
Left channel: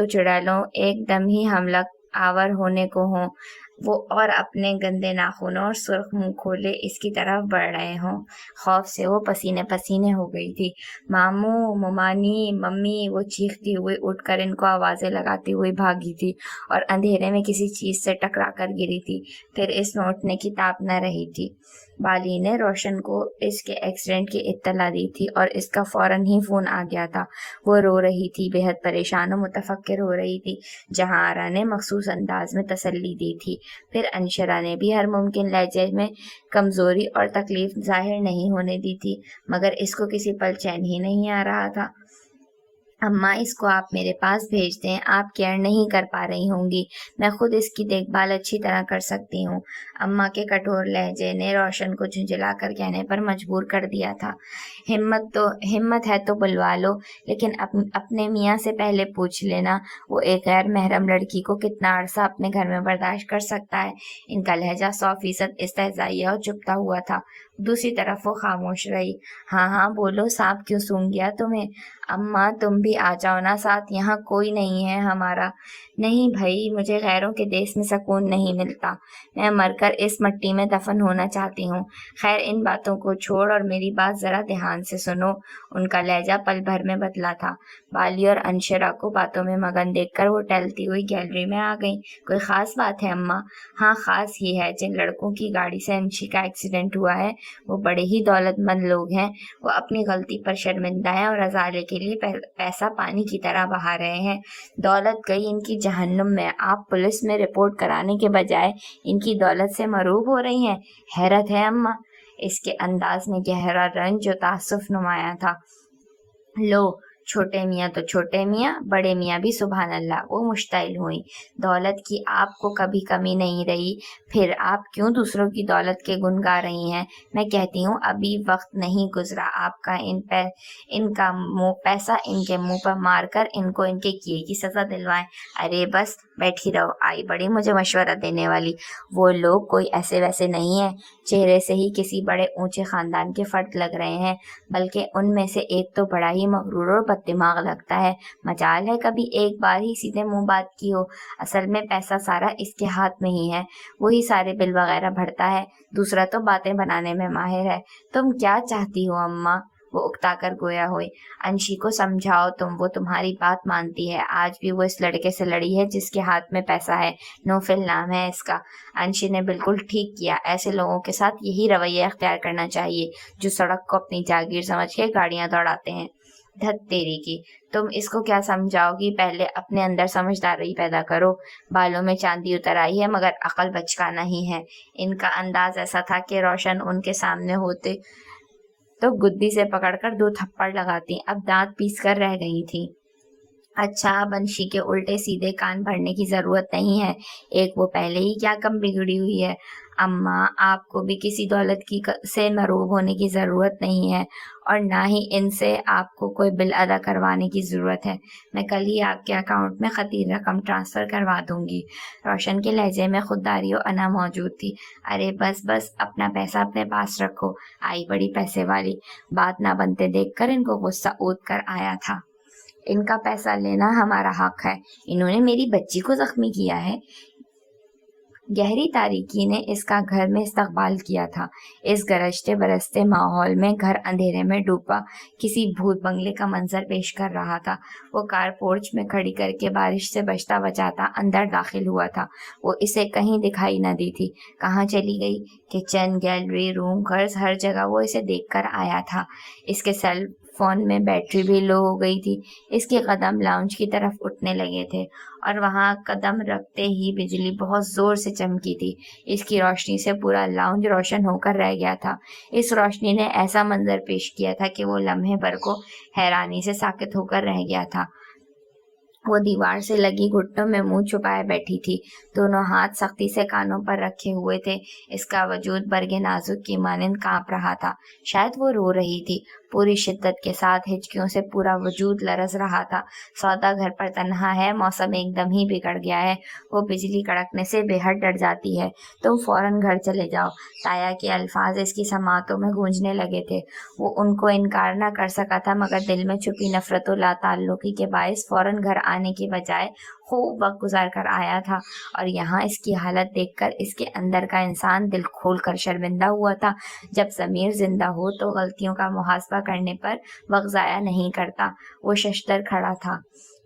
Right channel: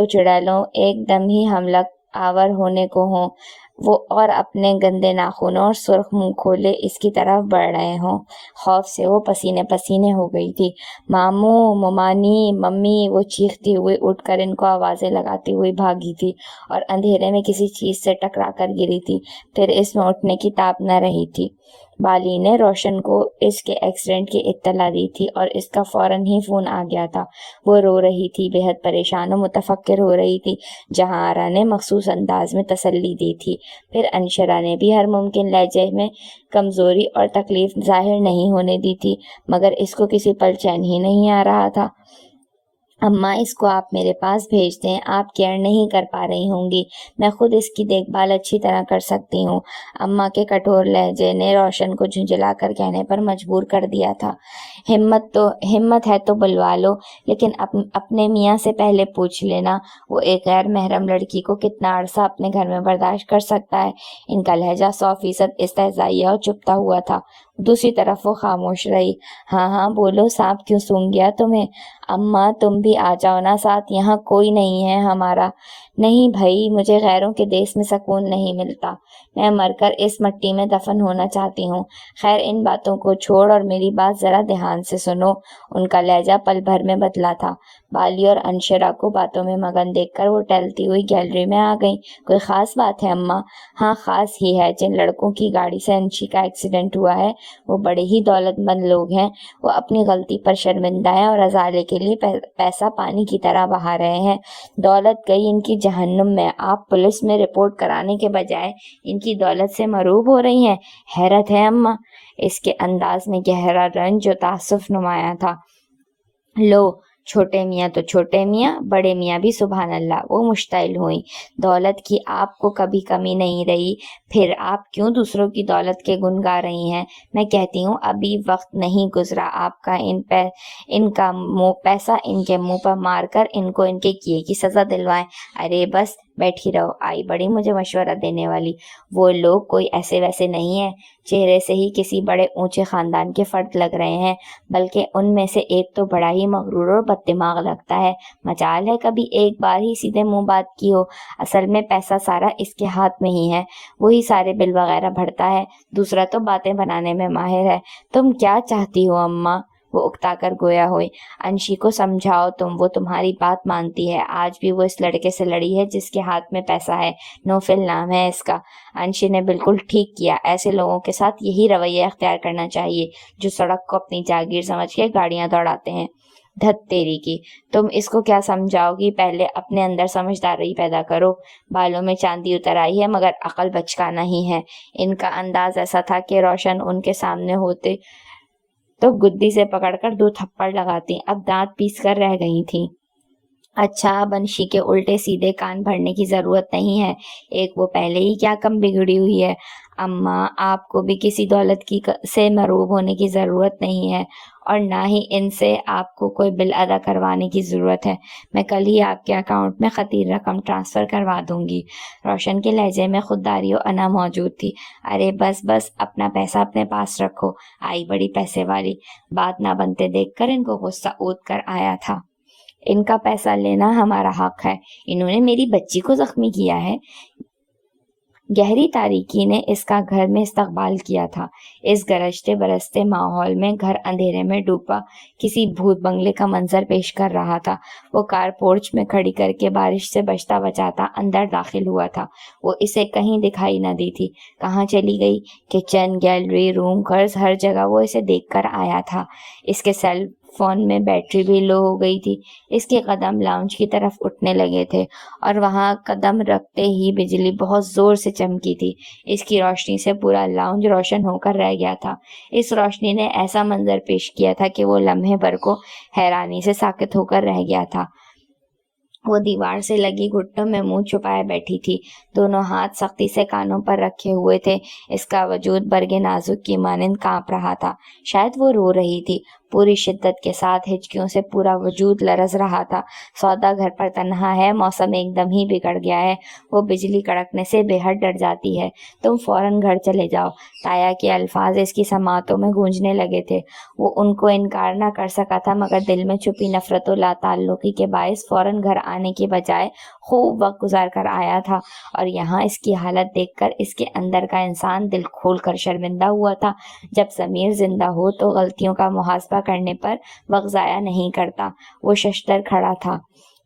و چڑیلوں ایک دم ہی حملہ آور ہونے کو ہوں، وہ اور اپنے گندے ناخنوں اور سرخ منہ کھولے اس کی طرف بڑھ رہے ہوں۔ خوف سے وہ پسینے پسینے ہو گئی تھی۔ ماموں، ممانی، ممی، وہ چیختی ہوئی اٹھ کر ان کو آوازیں لگاتی ہوئی بھاگی تھی، اور اندھیرے میں کسی چیز سے ٹکرا کر گری تھی۔ پھر اس میں اٹھنے کی تاب نہ رہی تھی۔ بالی نے روشن کو اس کے ایکسیڈنٹ کی اطلاع دی تھی اور اس کا فوراً ہی فون آ گیا تھا۔ وہ رو رہی تھی، بے حد پریشان و متفکر ہو رہی تھی۔ جہاں آرا نے مخصوص انداز میں تسلی دی تھی، پھر انشرا نے بھی ہر ممکن لہجے میں کمزوری اور تکلیف ظاہر نہیں ہونے دی تھی، مگر اس کو کسی پل چین ہی نہیں آ رہا تھا۔ اماں، اس کو آپ میرے پاس بھیج دیں، آپ کیئر نہیں کر پا رہی ہوں گی، میں خود اس کی دیکھ بھال اچھی طرح کر سکتی ہوں۔ اماں کے کٹور لہجے نے روشن کو جھنجھلا کر کہنے پر مجبور کر دیا تھا، ہمت ہے تو بلوا لو، لیکن اپنے میاں سے پہلے پوچھ لینا، وہ ایک غیر محرم لڑکی کو کتنا عرصہ اپنے گھر میں برداشت کر سکتا ہے۔ ان کا لہجہ 100% استہزائیہ اور چپتا ہوا تھا۔ دوسری طرف وہ خاموش رہی۔ ہاں ہاں بولو، سانپ کیوں سونگھ گیا تمہیں؟ اماں تم بھی آ جاؤ نا ساتھ، یہاں کوئی نہیں ہے ہمارا۔ نہیں بھائی، مجھے غیروں کے دیس میں سکون نہیں ملتا، میں مر کر اس مٹی میں دفن ہونا چاہتی ہوں۔ خیر ان باتوں کو چھوڑ اور میری بات ذرا دھیان سے سنو۔ ان کا لہجہ پل بھر میں بدلا تھا۔ بالی اور انشرا کو باتوں میں مگن دیکھ کر وہ ٹہلتی ہوئی گیلری میں آ گئیں۔ کوئی خاص بات ہے اماں؟ ہاں خاص ہی ہے، جن لڑکوں کی گاڑی سے انشی کا ایکسیڈنٹ ہوا ہے وہ بڑے ہی دولت مند لوگ ہیں، وہ اپنی غلطی پر شرمندہ ہیں اور ازالے کے لیے پیسہ پانی کی طرح بہا رہے ہیں۔ دولت گئی ان کی جہنم میں، آپ پولیس میں رپورٹ کرانے کے بجائے ان کی دولت سے مروب ہو رہی ہیں۔ حیرت ہے اماں۔ اس کے انداز میں گہرا رنج و تاسف نمایاں تھا۔ لو، چھوٹے میاں تو چھوٹے میاں، بڑے میاں بھی سبحان اللہ، وہ مشتعل ہوئیں۔ دولت کی آپ کو کبھی کمی نہیں رہی، پھر آپ کیوں دوسروں کی دولت کے گن گا رہی ہیں؟ میں کہتی ہوں ابھی وقت نہیں گزرا آپ کا ان کا پیسہ ان کے منہ پر مار کر ان کو ان کے کیے کی سزا دلوائیں۔ ارے بس بیٹھی رہو، آئی بڑی مجھے مشورہ دینے والی۔ وہ لوگ کوئی ایسے ویسے نہیں ہیں، چہرے سے ہی کسی بڑے اونچے خاندان کے فرد لگ رہے ہیں، بلکہ ان میں سے ایک تو بڑا ہی مغرور اور بد دماغ لگتا ہے۔ مجال ہے کبھی ایک بار ہی سیدھے منہ بات کی ہو۔ اصل میں پیسہ سارا اس کے ہاتھ میں ہی ہے، وہی سارے بل وغیرہ بھرتا ہے، دوسرا تو باتیں بنانے میں ماہر ہے۔ تم کیا چاہتی ہو اماں؟ وہ اکتا کر گویا ہوئی۔ انشی کو سمجھاؤ تم، وہ تمہاری بات مانتی ہے، آج بھی وہ اس لڑکے سے لڑی ہے جس کے ہاتھ میں پیسہ ہے، نوفل نام ہے اس کا۔ انشی نے بالکل ٹھیک کیا، ایسے لوگوں کے ساتھ یہی رویہ اختیار کرنا چاہیے جو سڑک کو اپنی جاگیر سمجھ کے گاڑیاں دوڑاتے ہیں۔ دھت تیری کی، تم اس کو کیا سمجھاؤ گی؟ پہلے اپنے اندر سمجھداری پیدا کرو۔ بالوں میں چاندی اتر آئی ہے مگر عقل بچکانا ہی ہے۔ ان کا انداز ایسا تھا کہ روشن ان کے سامنے ہوتے تو گدی سے پکڑ کر 2 تھپڑ لگاتی، اب دانت پیس کر رہ گئی تھی۔ اچھا، اب انشی کے الٹے سیدھے کان بھرنے کی ضرورت نہیں ہے، ایک وہ پہلے ہی کیا کم بگڑی ہوئی ہے۔ اماں آپ کو بھی کسی دولت سے مروب ہونے کی ضرورت نہیں ہے، اور نہ ہی ان سے آپ کو کوئی بل ادا کروانے کی ضرورت ہے، میں کل ہی آپ کے اکاؤنٹ میں خطیر رقم ٹرانسفر کروا دوں گی۔ روشن کے لہجے میں خودداری و انا موجود تھی۔ ارے بس بس، اپنا پیسہ اپنے پاس رکھو، آئی بڑی پیسے والی۔ بات نہ بنتے دیکھ کر ان کو غصہ اود کر آیا تھا۔ ان کا پیسہ لینا ہمارا حق ہے، انہوں نے میری بچی کو زخمی کیا ہے۔ گہری تاریکی نے اس کا گھر میں استقبال کیا تھا۔ اس گرجتے برستے ماحول میں گھر اندھیرے میں ڈوبا کسی بھوت بنگلے کا منظر پیش کر رہا تھا۔ وہ کار پورچ میں کھڑی کر کے بارش سے بچتا بچاتا اندر داخل ہوا تھا۔ وہ اسے کہیں دکھائی نہ دی تھی، کہاں چلی گئی؟ کچن، گیلری، روم، قرض، ہر جگہ وہ اسے دیکھ کر آیا تھا۔ اس کے سیل فون میں بیٹری بھی لو ہو گئی تھی۔ اس کے قدم لاؤنج کی طرف اٹھنے لگے تھے اور وہاں قدم رکھتے ہی بجلی بہت زور سے چمکی تھی۔ اس کی روشنی سے پورا لاؤنج روشن ہو کر رہ گیا تھا۔ اس روشنی نے ایسا منظر پیش کیا تھا کہ وہ لمحے بھر کو حیرانی سے ساکت ہو کر رہ گیا تھا۔ وہ دیوار سے لگی گھٹنوں میں منہ چھپائے بیٹھی تھی، دونوں ہاتھ سختی سے کانوں پر رکھے ہوئے تھے۔ اس کا وجود برگ نازک کی مانند کانپ رہا تھا، شاید وہ رو رہی تھی۔ پوری شدت کے ساتھ ہچکیوں سے پورا وجود لرز رہا تھا۔ سودا گھر پر تنہا ہے، موسم ایک دم ہی بگڑ گیا ہے، وہ بجلی کڑکنے سے بے حد ڈر جاتی ہے، تم فوراً گھر چلے جاؤ۔ تایا کے الفاظ اس کی سماعتوں میں گونجنے لگے تھے۔ وہ ان کو انکار نہ کر سکا تھا، مگر دل میں چھپی نفرت و لا تعلقی کے باعث فوراً گھر آنے کے بجائے خوب وقت گزار کر آیا تھا، اور یہاں اس کی حالت دیکھ کر اس کے اندر کا انسان دل کھول کر شرمندہ ہوا تھا۔ جب ضمیر زندہ ہو تو غلطیوں کا محاسبہ کرنے پر وقت ضائع نہیں کرتا۔ وہ ششدر کھڑا تھا،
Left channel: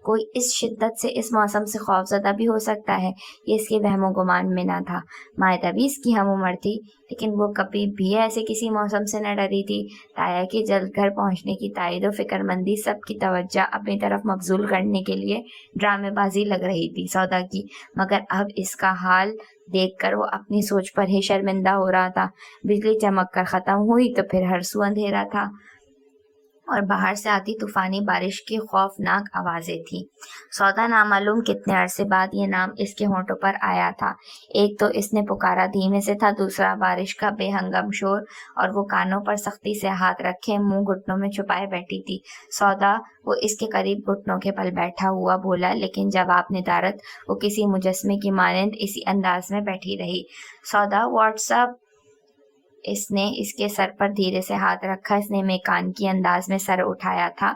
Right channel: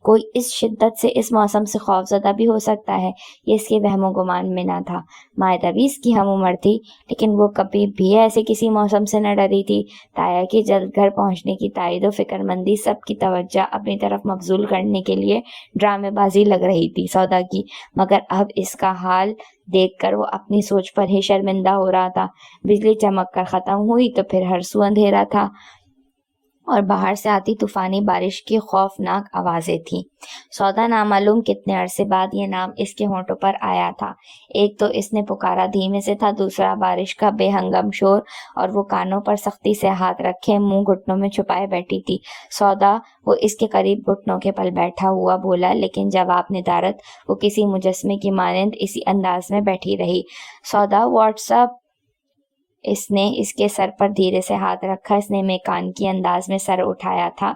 کوئی اس شدت سے اس موسم سے خوفزدہ بھی ہو سکتا ہے، یہ اس کے وہم و گمان میں نہ تھا۔ مائدہ بھی اس کی ہم عمر تھی، لیکن وہ کبھی بھی ایسے کسی موسم سے نہ ڈری تھی۔ تایا کی جلد گھر پہنچنے کی تائید و فکر مندی سب کی توجہ اپنی طرف مبذول کرنے کے لیے ڈرامے بازی لگ رہی تھی سودا کی، مگر اب اس کا حال دیکھ کر وہ اپنی سوچ پر ہی شرمندہ ہو رہا تھا۔ بجلی چمک کر ختم ہوئی تو پھر ہر سو اندھیرا تھا اور باہر سے آتی طوفانی بارش کی خوفناک آوازیں تھیں۔ سودا نامعلوم کتنے عرصے بعد یہ نام اس کے ہونٹوں پر آیا تھا۔ ایک تو اس نے پکارا دھیمے سے تھا، دوسرا بارش کا بے ہنگم شور، اور وہ کانوں پر سختی سے ہاتھ رکھے منہ گھٹنوں میں چھپائے بیٹھی تھی۔ سودا، وہ اس کے قریب گھٹنوں کے بل بیٹھا ہوا بولا، لیکن جواب ندارت وہ کسی مجسمے کی مانند اسی انداز میں بیٹھی رہی۔ سودا، واٹس اپ؟ اس نے اس کے سر پر دھیرے سے ہاتھ رکھا۔ اس نے میکان کی انداز میں سر اٹھایا تھا،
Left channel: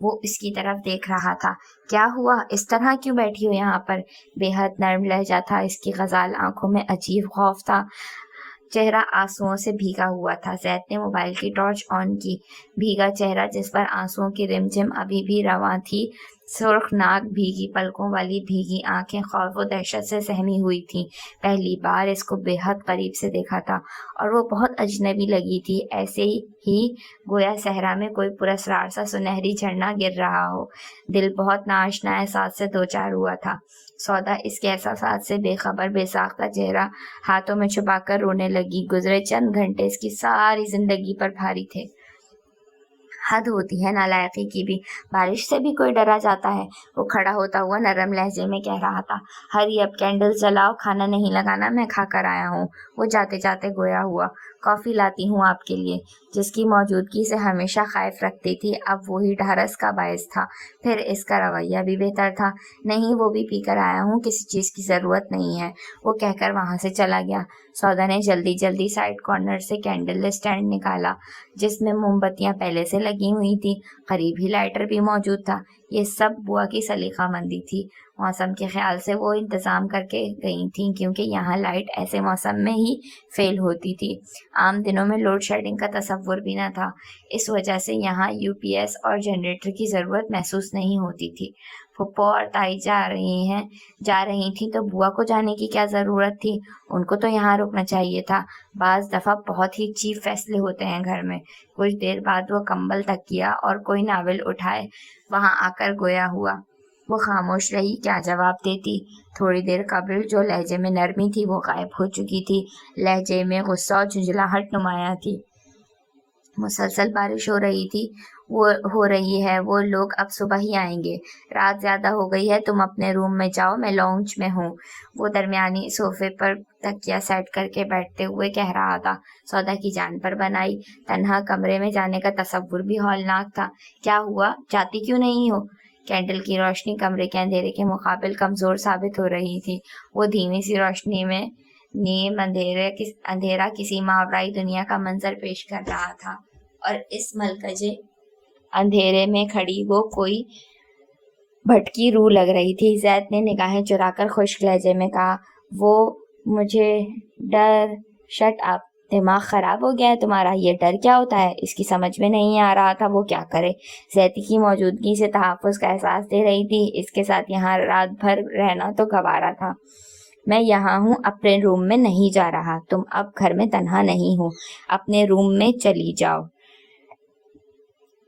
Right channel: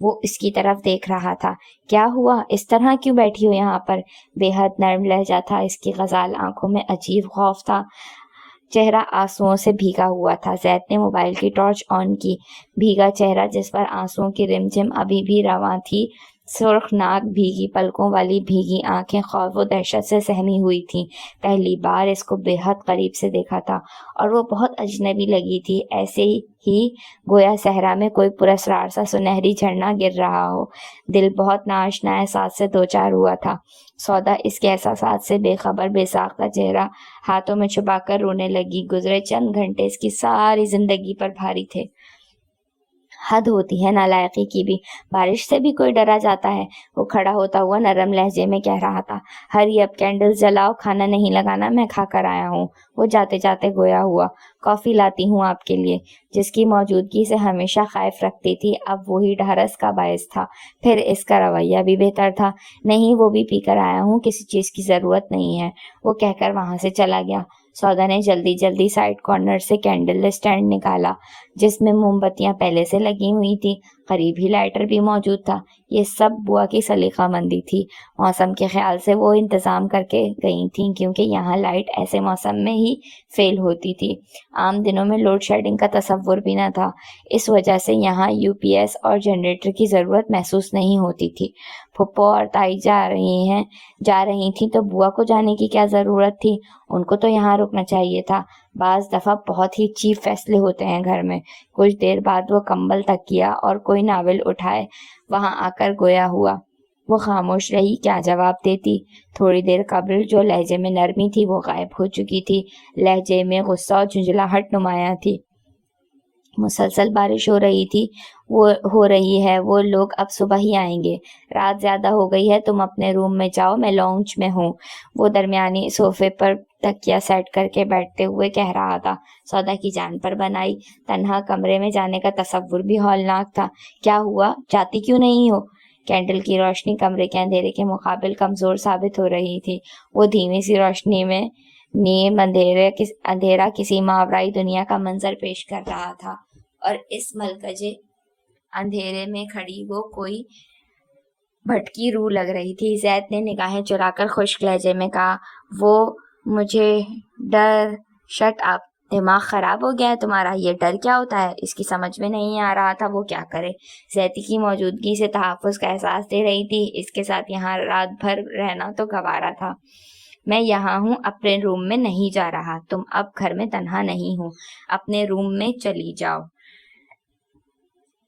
وہ اس کی طرف دیکھ رہا تھا۔ کیا ہوا؟ اس طرح کیوں بیٹھی ہو یہاں پر؟ بے حد نرم لہجہ تھا اس کی، غزال آنکھوں میں عجیب خوف تھا، چہرہ آنسوؤں سے بھیگا ہوا تھا۔ زید نے موبائل کی ٹارچ آن کی۔ بھیگا چہرہ جس پر آنسوؤں کی رمجھم ابھی بھی رواں تھی، سرخ ناک، بھیگی پلکوں والی بھیگی آنکھیں خوف و دہشت سے سہمی ہوئی تھیں۔ پہلی بار اس کو بے حد قریب سے دیکھا تھا اور وہ بہت اجنبی لگی تھی، ایسے ہی گویا صحرا میں کوئی پراسرار سا سنہری جھرنا گر رہا ہو۔ دل بہت ناآشنا احساس سے دوچار ہوا تھا۔ سودا اس کے احساسات سے بے خبر، بے ساختہ چہرہ ہاتھوں میں چھپا کر رونے لگی۔ گزرے چند گھنٹے اس کی ساری زندگی پر بھاری تھے۔ حد ہوتی ہے نالائقی کی بھی، بارش سے بھی کوئی ڈرا جاتا ہے؟ وہ کھڑا ہوتا ہوا نرم لہجے میں کہہ رہا تھا۔ ہری اب کینڈلز جلاؤ، کھانا نہیں لگانا، میں کھا کر آیا ہوں۔ وہ جاتے جاتے گویا ہوا۔ کافی لاتی ہوں آپ کے لیے۔ جس کی موجودگی سے ہمیشہ خائف رکھتی تھی، اب وہی ڈھارس کا باعث تھا۔ پھر اس کا رویہ بھی بہتر تھا۔ نہیں، وہ بھی پی کر آیا ہوں، کسی چیز کی ضرورت نہیں ہے، وہ کہہ کر وہاں سے چلا گیا۔ سودا نے جلدی جلدی سائڈ کارنر سے کینڈل اسٹینڈ نکالا جس میں موم بتیاں پہلے سے لگی ہوئی تھی، قریب ہی لائٹر بھی موجود تھا۔ یہ سب بوا کی سلیقہ مندی تھی۔ موسم کے خیال سے وہ انتظام کر کے گئی تھیں، کیونکہ یہاں لائٹ ایسے موسم میں ہی فیل ہوتی تھی۔ عام دنوں میں لوڈ شیڈنگ کا تصور بھی نہ تھا، اس وجہ سے یہاں یو پی ایس اور جنریٹر کی ضرورت محسوس نہیں ہوتی تھی۔ پھپھو اور تائی جا رہی تھیں تو بوا کو جانے کی کیا ضرورت تھی؟ ان کو تو یہاں رکنا چاہیے تھا۔ بعض دفعہ بہت ہی چیپ فیصلے ہوتے ہیں گھر میں۔ کچھ دیر بعد وہ کمبل تکیا اور کوئی ناول اٹھائے وہاں آ کر گویا ہوا۔ وہ خاموش رہی، کیا جواب دیتی؟ تھوڑی دیر قبل جو لہجے میں نرمی تھی وہ غائب ہو چکی تھی، لہجے میں غصہ اور جھجھلاہٹ نمایاں تھی۔ مسلسل بارش ہو رہی ہے، وہ لوگ اب صبح ہی آئیں گے، رات زیادہ ہو گئی ہے، تم اپنے روم میں جاؤ، میں لاؤنج میں ہوں۔ وہ درمیانی صوفے پر تکیا سیٹ کر کے بیٹھتے ہوئے کہہ رہا تھا۔ سودا کی جان پر بن آئی۔ تنہا کمرے میں جانے کا تصور بھی ہولناک تھا۔ کیا ہوا؟ جاتی کیوں نہیں ہو؟ کینڈل کی روشنی کمرے کے اندھیرے کے مقابل کمزور ثابت ہو رہی تھی۔ وہ دھیمی سی روشنی میں نیم اندھیرا کسی ماورائی دنیا کا منظر پیش کر رہا تھا، اور اس ملکجے اندھیرے میں کھڑی وہ کوئی بھٹکی روح لگ رہی تھی۔ زید نے نگاہیں چرا کر خشک لہجے میں کہا، وہ مجھے ڈر، شٹ اپ، دماغ خراب ہو گیا ہے تمہارا؟ یہ ڈر کیا ہوتا ہے؟ اس کی سمجھ میں نہیں آ رہا تھا وہ کیا کرے۔ زیدی کی موجودگی سے تحفظ کا احساس دے رہی تھی، اس کے ساتھ یہاں رات بھر رہنا تو گوارا تھا۔ میں یہاں ہوں، اپنے روم میں نہیں جا رہا، تم اب گھر میں تنہا نہیں ہو، اپنے روم میں چلی جاؤ۔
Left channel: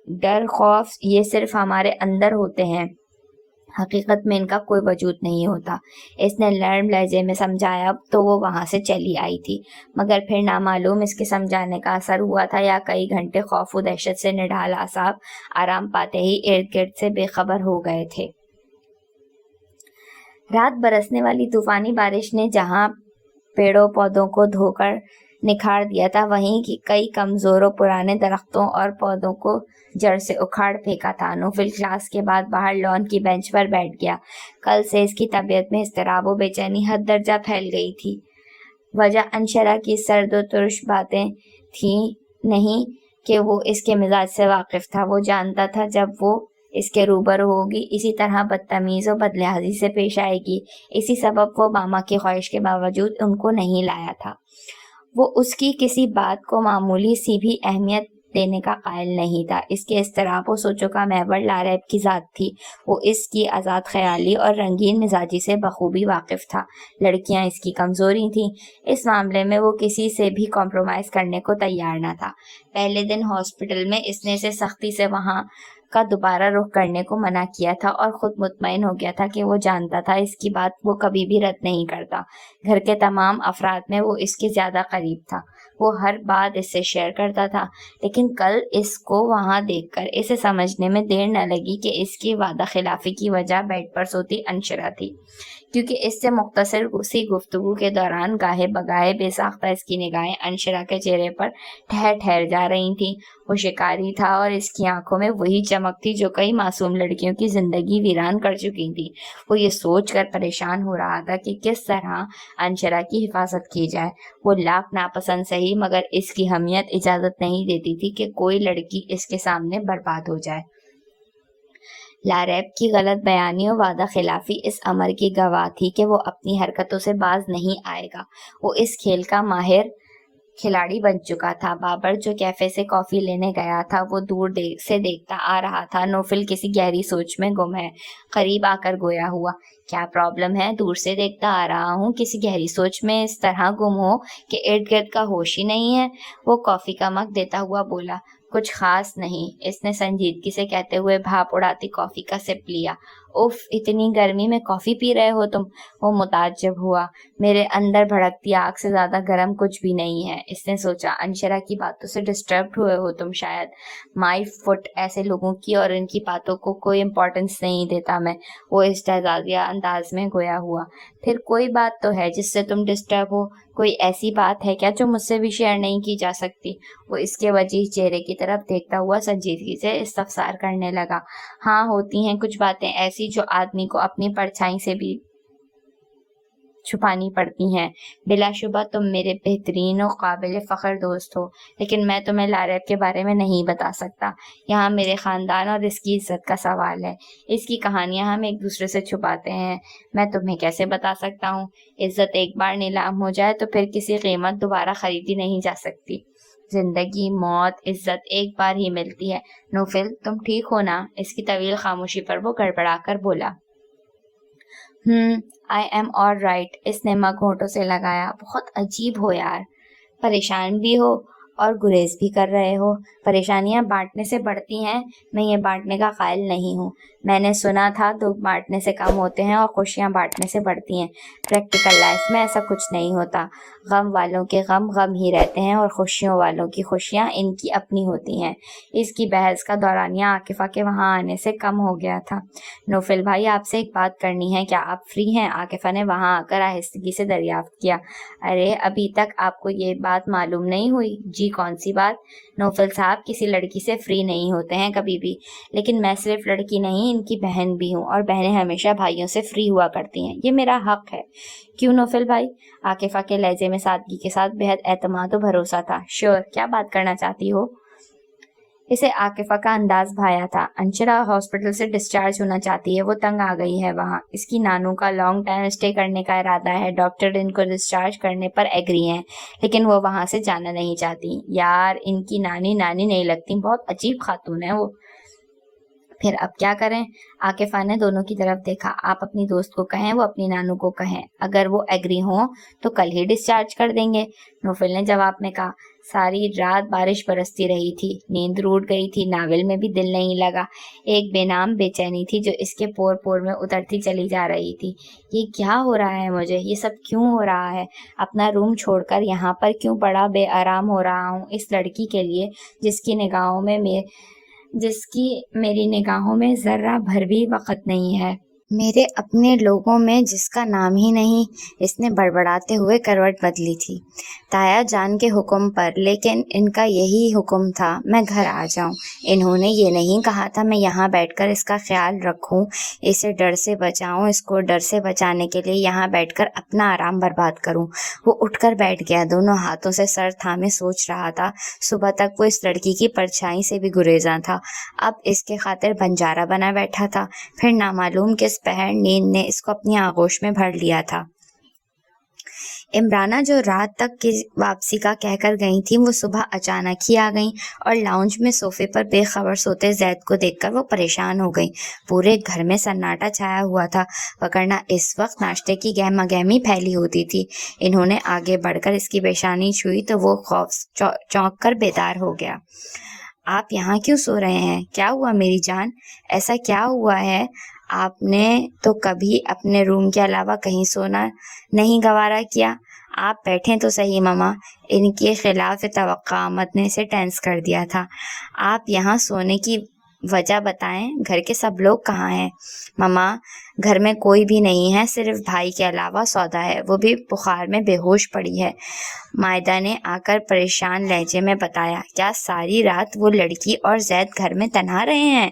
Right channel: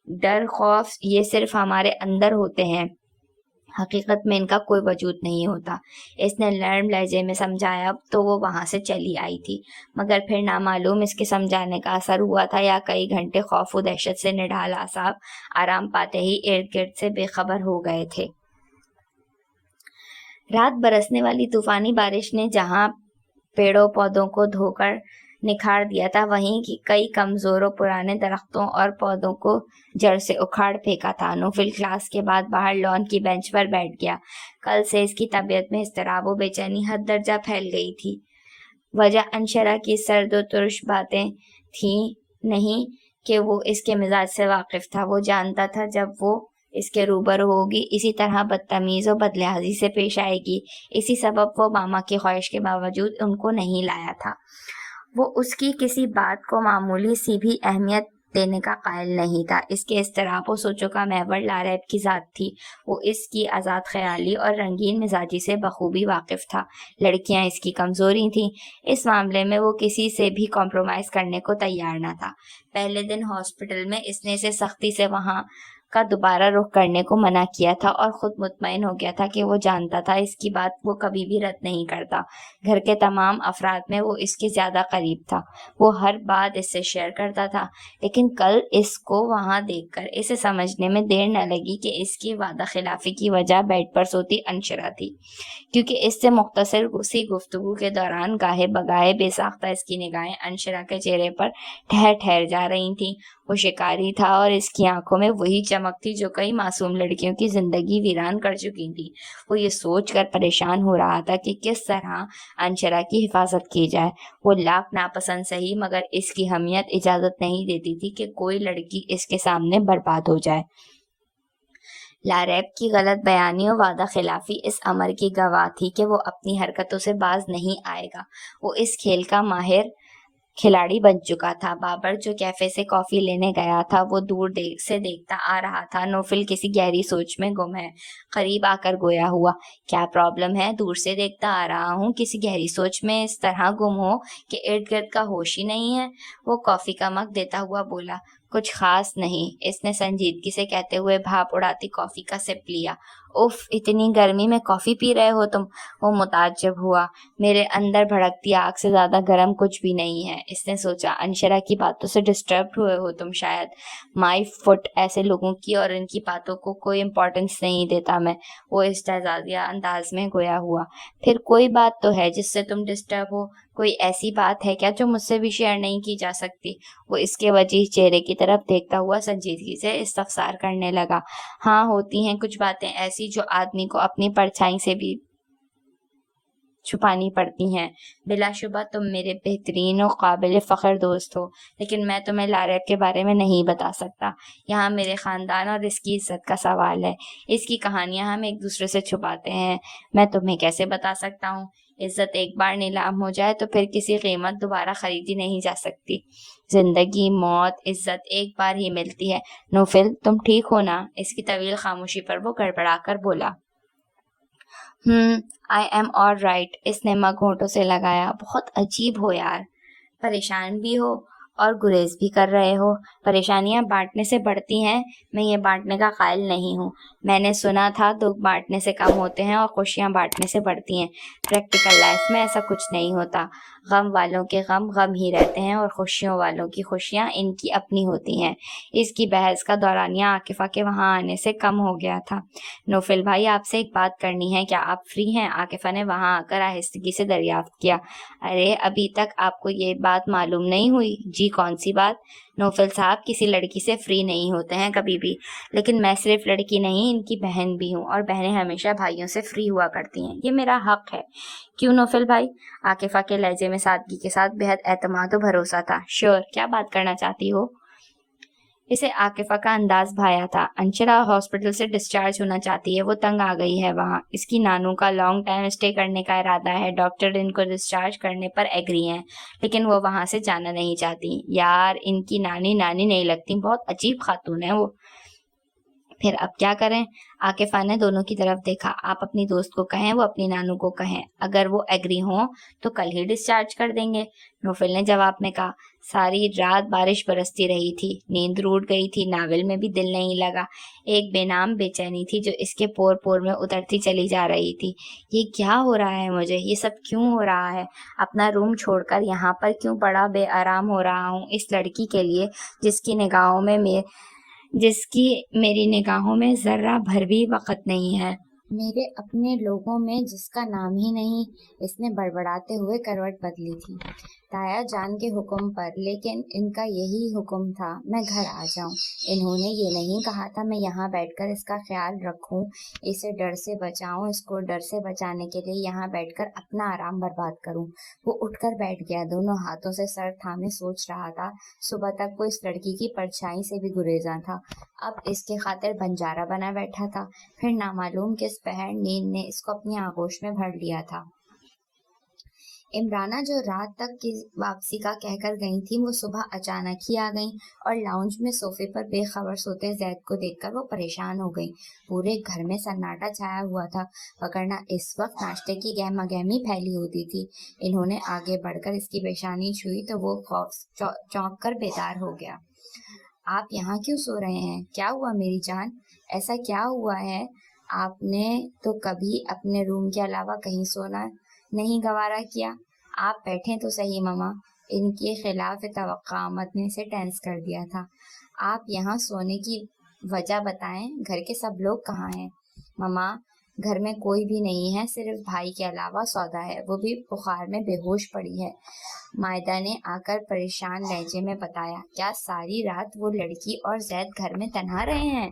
ڈر، خوف، یہ صرف ہمارے اندر ہوتے ہیں، حقیقت میں ان کا کوئی وجود نہیں ہوتا۔ اس نے نرم لہجے میں سمجھایا تو وہ وہاں سے چلی آئی تھی، مگر پھر نامعلوم اس کے سمجھانے کا اثر ہوا تھا یا کئی گھنٹے خوف و دہشت سے نڈھال اعصاب آرام پاتے ہی ارد گرد سے بے خبر ہو گئے تھے۔ رات برسنے والی طوفانی بارش نے جہاں پیڑوں پودوں کو دھو کر نکھار دیا تھا، وہیں کئی کمزور و پرانے درختوں اور پودوں کو جڑ سے اکھاڑ پھینکا تھا۔ نوفل کلاس کے بعد باہر لان کی بینچ پر بیٹھ گیا۔ کل سے اس کی طبیعت میں اضطراب و بے چینی حد درجہ پھیل گئی تھی۔ وجہ انشرا کی سرد و ترش باتیں تھیں نہیں کہ وہ اس کے مزاج سے واقف تھا۔ وہ جانتا تھا جب وہ اس کے روبرو ہوگی اسی طرح بدتمیز و بدلہذی سے پیش آئے گی۔ اسی سبب وہ ماما کی خواہش کے باوجود ان کو نہیں لایا تھا۔ وہ اس کی کسی بات کو معمولی سی بھی اہمیت دینے کا قائل نہیں تھا۔ اس کے اضطراب و سوچوں کا محور لاریب کی ذات تھی۔ وہ اس کی آزاد خیالی اور رنگین مزاجی سے بخوبی واقف تھا۔ لڑکیاں اس کی کمزوری تھیں۔ اس معاملے میں وہ کسی سے بھی کمپرومائز کرنے کو تیار نہ تھا۔ پہلے دن ہاسپٹل میں اس نے اسے سختی سے وہاں کا دوبارہ رخ کرنے کو منع کیا تھا اور خود مطمئن ہو گیا تھا کہ وہ جانتا تھا اس کی بات وہ کبھی بھی رد نہیں کرتا۔ گھر کے تمام افراد میں وہ اس کے زیادہ قریب تھا۔ وہ ہر بات اس سے شیئر کرتا تھا، لیکن کل اس کو وہاں دیکھ کر اسے سمجھنے میں دیر نہ لگی کہ اس کی وعدہ خلافی کی وجہ بیڈ پر سوتی انشرا تھی، کیونکہ اس سے مختصر سی گفتگو کے دوران گاہے بگاہے بے ساختہ اس کی نگاہیں انشرا کے چہرے پر ٹھہر جا رہی تھیں۔ وہ شکاری تھا اور اس کی آنکھوں میں وہی چمک تھی جو کئی معصوم لڑکیوں کی زندگی ویران کر چکی تھی۔ وہ یہ سوچ کر پریشان ہو رہا تھا کہ کس طرح انشرا کی حفاظت کی جائے۔ وہ لاکھ ناپسند سہی، مگر اس کی حمیت اجازت نہیں دیتی تھی کہ کوئی لڑکی اس کے سامنے برباد ہو جائے۔ لاریب کی غلط بیانی و وعدہ خلافی اس امر کی گواہ تھی کہ وہ اپنی حرکتوں سے باز نہیں آئے گا۔ وہ اس کھیل کا ماہر کھلاڑی بن چکا تھا۔ بابر جو کیفے سے کافی لینے گیا تھا وہ دور سے دیکھتا آ رہا تھا۔ نوفل کسی گہری سوچ میں گم ہے۔ قریب آ کر گویا ہوا، کیا پرابلم ہے؟ دور سے دیکھتا آ رہا ہوں، کسی گہری سوچ میں اس طرح گم ہو کہ ارد گرد کا ہوش ہی نہیں ہے۔ وہ کافی کا مگ دیتا ہوا بولا، کچھ خاص نہیں۔ اس نے سنجیدگی سے کہتے ہوئے بھاپ اڑاتی کافی کا سپ لیا۔ اف، اتنی گرمی میں کافی پی رہے ہو تم؟ وہ متعجب ہوا۔ میرے اندر بھڑکتی آگ سے زیادہ گرم کچھ بھی نہیں ہے۔ اس نے سوچا، انشرا کی باتوں سے ڈسٹربڈ ہوئے ہو تم شاید۔ مائی فٹ، ایسے لوگوں کی اور ان کی باتوں کو کوئی امپورٹنس نہیں دیتا میں۔ وہ استہزائیہ انداز میں گویا ہوا۔ پھر کوئی بات تو ہے جس سے تم ڈسٹرب ہو؟ کوئی ایسی بات ہے کیا جو مجھ سے بھی شیئر نہیں کی جا سکتی؟ وہ اس کے وجیح چہرے کی طرف دیکھتا ہوا سنجیدگی سے استفسار کرنے لگا۔ ہاں، ہوتی ہیں کچھ باتیں ایسی جو آدمی کو اپنی پرچھائی سے بھی چھپانی پڑتی ہیں۔ بلا شبہ تم میرے بہترین اور قابل فخر دوست ہو، لیکن میں تمہیں لاریب کے بارے میں نہیں بتا سکتا۔ یہاں میرے خاندان اور اس کی عزت کا سوال ہے۔ اس کی کہانیاں ہم ایک دوسرے سے چھپاتے ہیں، میں تمہیں کیسے بتا سکتا ہوں؟ عزت ایک بار نیلام ہو جائے تو پھر کسی قیمت دوبارہ خریدی نہیں جا سکتی۔ زندگی، موت، عزت ایک بار ہی ملتی ہے۔ نوفل، تم ٹھیک ہو نا؟ اس کی طویل خاموشی پر وہ گڑبڑا کر بولا، آئی ایم آل رائٹ۔ اس نے مگ ہونٹوں سے لگایا۔ بہت عجیب ہو یار، پریشان بھی ہو اور گریز بھی کر رہے ہو۔ پریشانیاں بانٹنے سے بڑھتی ہیں، میں یہ بانٹنے کا قائل نہیں ہوں۔ میں نے سنا تھا دکھ بانٹنے سے کم ہوتے ہیں اور خوشیاں بانٹنے سے بڑھتی ہیں۔ پریکٹیکل لائف میں ایسا کچھ نہیں ہوتا۔ غم والوں کے غم غم ہی رہتے ہیں اور خوشیوں والوں کی خوشیاں ان کی اپنی ہوتی ہیں۔ اس کی بحث کا دورانیہ عاکفہ کے وہاں آنے سے کم ہو گیا تھا۔ نوفل بھائی، آپ سے ایک بات کرنی ہے، کیا آپ فری ہیں؟ عاکفہ نے وہاں آ کر آہستگی سے دریافت کیا۔ ارے، ابھی تک آپ کو یہ بات معلوم نہیں ہوئی؟ جی، کون سی بات؟ نوفل صاحب کسی لڑکی سے فری نہیں ہوتے ہیں کبھی بھی، لیکن میں صرف لڑکی نہیں، ان کی بہن بھی ہوں، اور بہنیں ہمیشہ بھائیوں سے فری ہوا کرتی ہیں، یہ میرا حق ہے۔ کیوں نوفل بھائی؟ عاکفہ کے لہجے میں سادگی کے ساتھ بہت اعتماد و بھروسہ تھا۔ شیور، کیا بات کرنا چاہتی ہو؟ اسے عاکفہ کا انداز بھایا تھا۔ انشرا ہاسپٹل سے ڈسچارج ہونا چاہتی ہے، وہ تنگ آ گئی ہے وہاں۔ اس کی نانو کا لانگ ٹائم اسٹے کرنے کا ارادہ ہے، ڈاکٹر ان کو ڈسچارج کرنے پر ایگری ہیں، لیکن وہ وہاں سے جانا نہیں چاہتی۔ یار، ان کی نانی نہیں لگتی، بہت عجیب خاتون ہے وہ۔ پھر اب کیا کریں؟ عاکفہ نے دونوں کی طرف دیکھا۔ آپ اپنی دوست کو کہیں، وہ اپنی نانو کو کہیں، اگر وہ ایگری ہوں تو کل ہی ڈسچارج کر دیں گے۔ نوفل نے جواب میں کہا۔ ساری رات بارش برستی رہی تھی، نیند روٹ گئی تھی، ناول میں بھی دل نہیں لگا۔ ایک بے نام بے چینی تھی جو اس کے پور پور میں اترتی چلی جا رہی تھی۔ یہ کیا ہو رہا ہے مجھے؟ یہ سب کیوں ہو رہا ہے؟ اپنا روم چھوڑ کر یہاں پر کیوں بڑا بے آرام ہو رہا ہوں اس لڑکی کے لیے جس کی میری نگاہوں میں ذرہ بھر بھی وقت نہیں ہے۔ میرے اپنے لوگوں میں جس کا نام ہی نہیں۔ اس نے بڑبڑاتے ہوئے کروٹ بدلی تھی۔ تایا جان کے حکم پر، لیکن ان کا یہی حکم تھا میں گھر آ جاؤں۔ انہوں نے یہ نہیں کہا تھا میں یہاں بیٹھ کر اس کا خیال رکھوں، اسے ڈر سے بچاؤں، اس کو ڈر سے بچانے کے لیے یہاں بیٹھ کر اپنا آرام برباد کروں۔ وہ اٹھ کر بیٹھ گیا، دونوں ہاتھوں سے سر تھامے سوچ رہا تھا۔ صبح تک وہ اس لڑکی کی پرچھائی سے بھی گریزاں تھا، اب اس کے خاطر بنجارا بنا بیٹھا تھا، پھر نامعلوم کس پہر نیند نے اس کو اپنی آغوش میں بھر لیا تھا۔ عمرانہ جو رات تک کی واپسی کا کہہ کر گئی تھی وہ صبح اچانک ہی آ گئیں اور لاؤنج میں صوفے پر بے خبر سوتے زید کو دیکھ کر وہ پریشان ہو گئیں۔ پورے گھر میں سناٹا چھایا ہوا تھا، وگرنہ اس وقت ناشتے کی گہما گہمی پھیلی ہوتی تھی۔ انہوں نے آگے بڑھ کر اس کی پیشانی چھوئی تو وہ چونک کر بیدار ہو گیا۔ آپ یہاں کیوں سو رہے ہیں؟ کیا ہوا میری جان؟ ایسا کیا ہوا ہے؟ آپ نے تو کبھی اپنے روم کے علاوہ کہیں سونا نہیں گوارا کیا۔ آپ بیٹھیں تو صحیح ماما۔ ان کے خلاف توقع آمد نے اسے ٹینس کر دیا تھا۔ آپ یہاں سونے کی وجہ بتائیں، گھر کے سب لوگ کہاں ہیں؟ ماما گھر میں کوئی بھی نہیں ہے، صرف بھائی کے علاوہ سودا ہے، وہ بھی بخار میں بے ہوش پڑی ہے، مائدہ نے آ کر پریشان لہجے میں بتایا۔ کیا ساری رات وہ لڑکی اور زید گھر میں تنہا رہے ہیں؟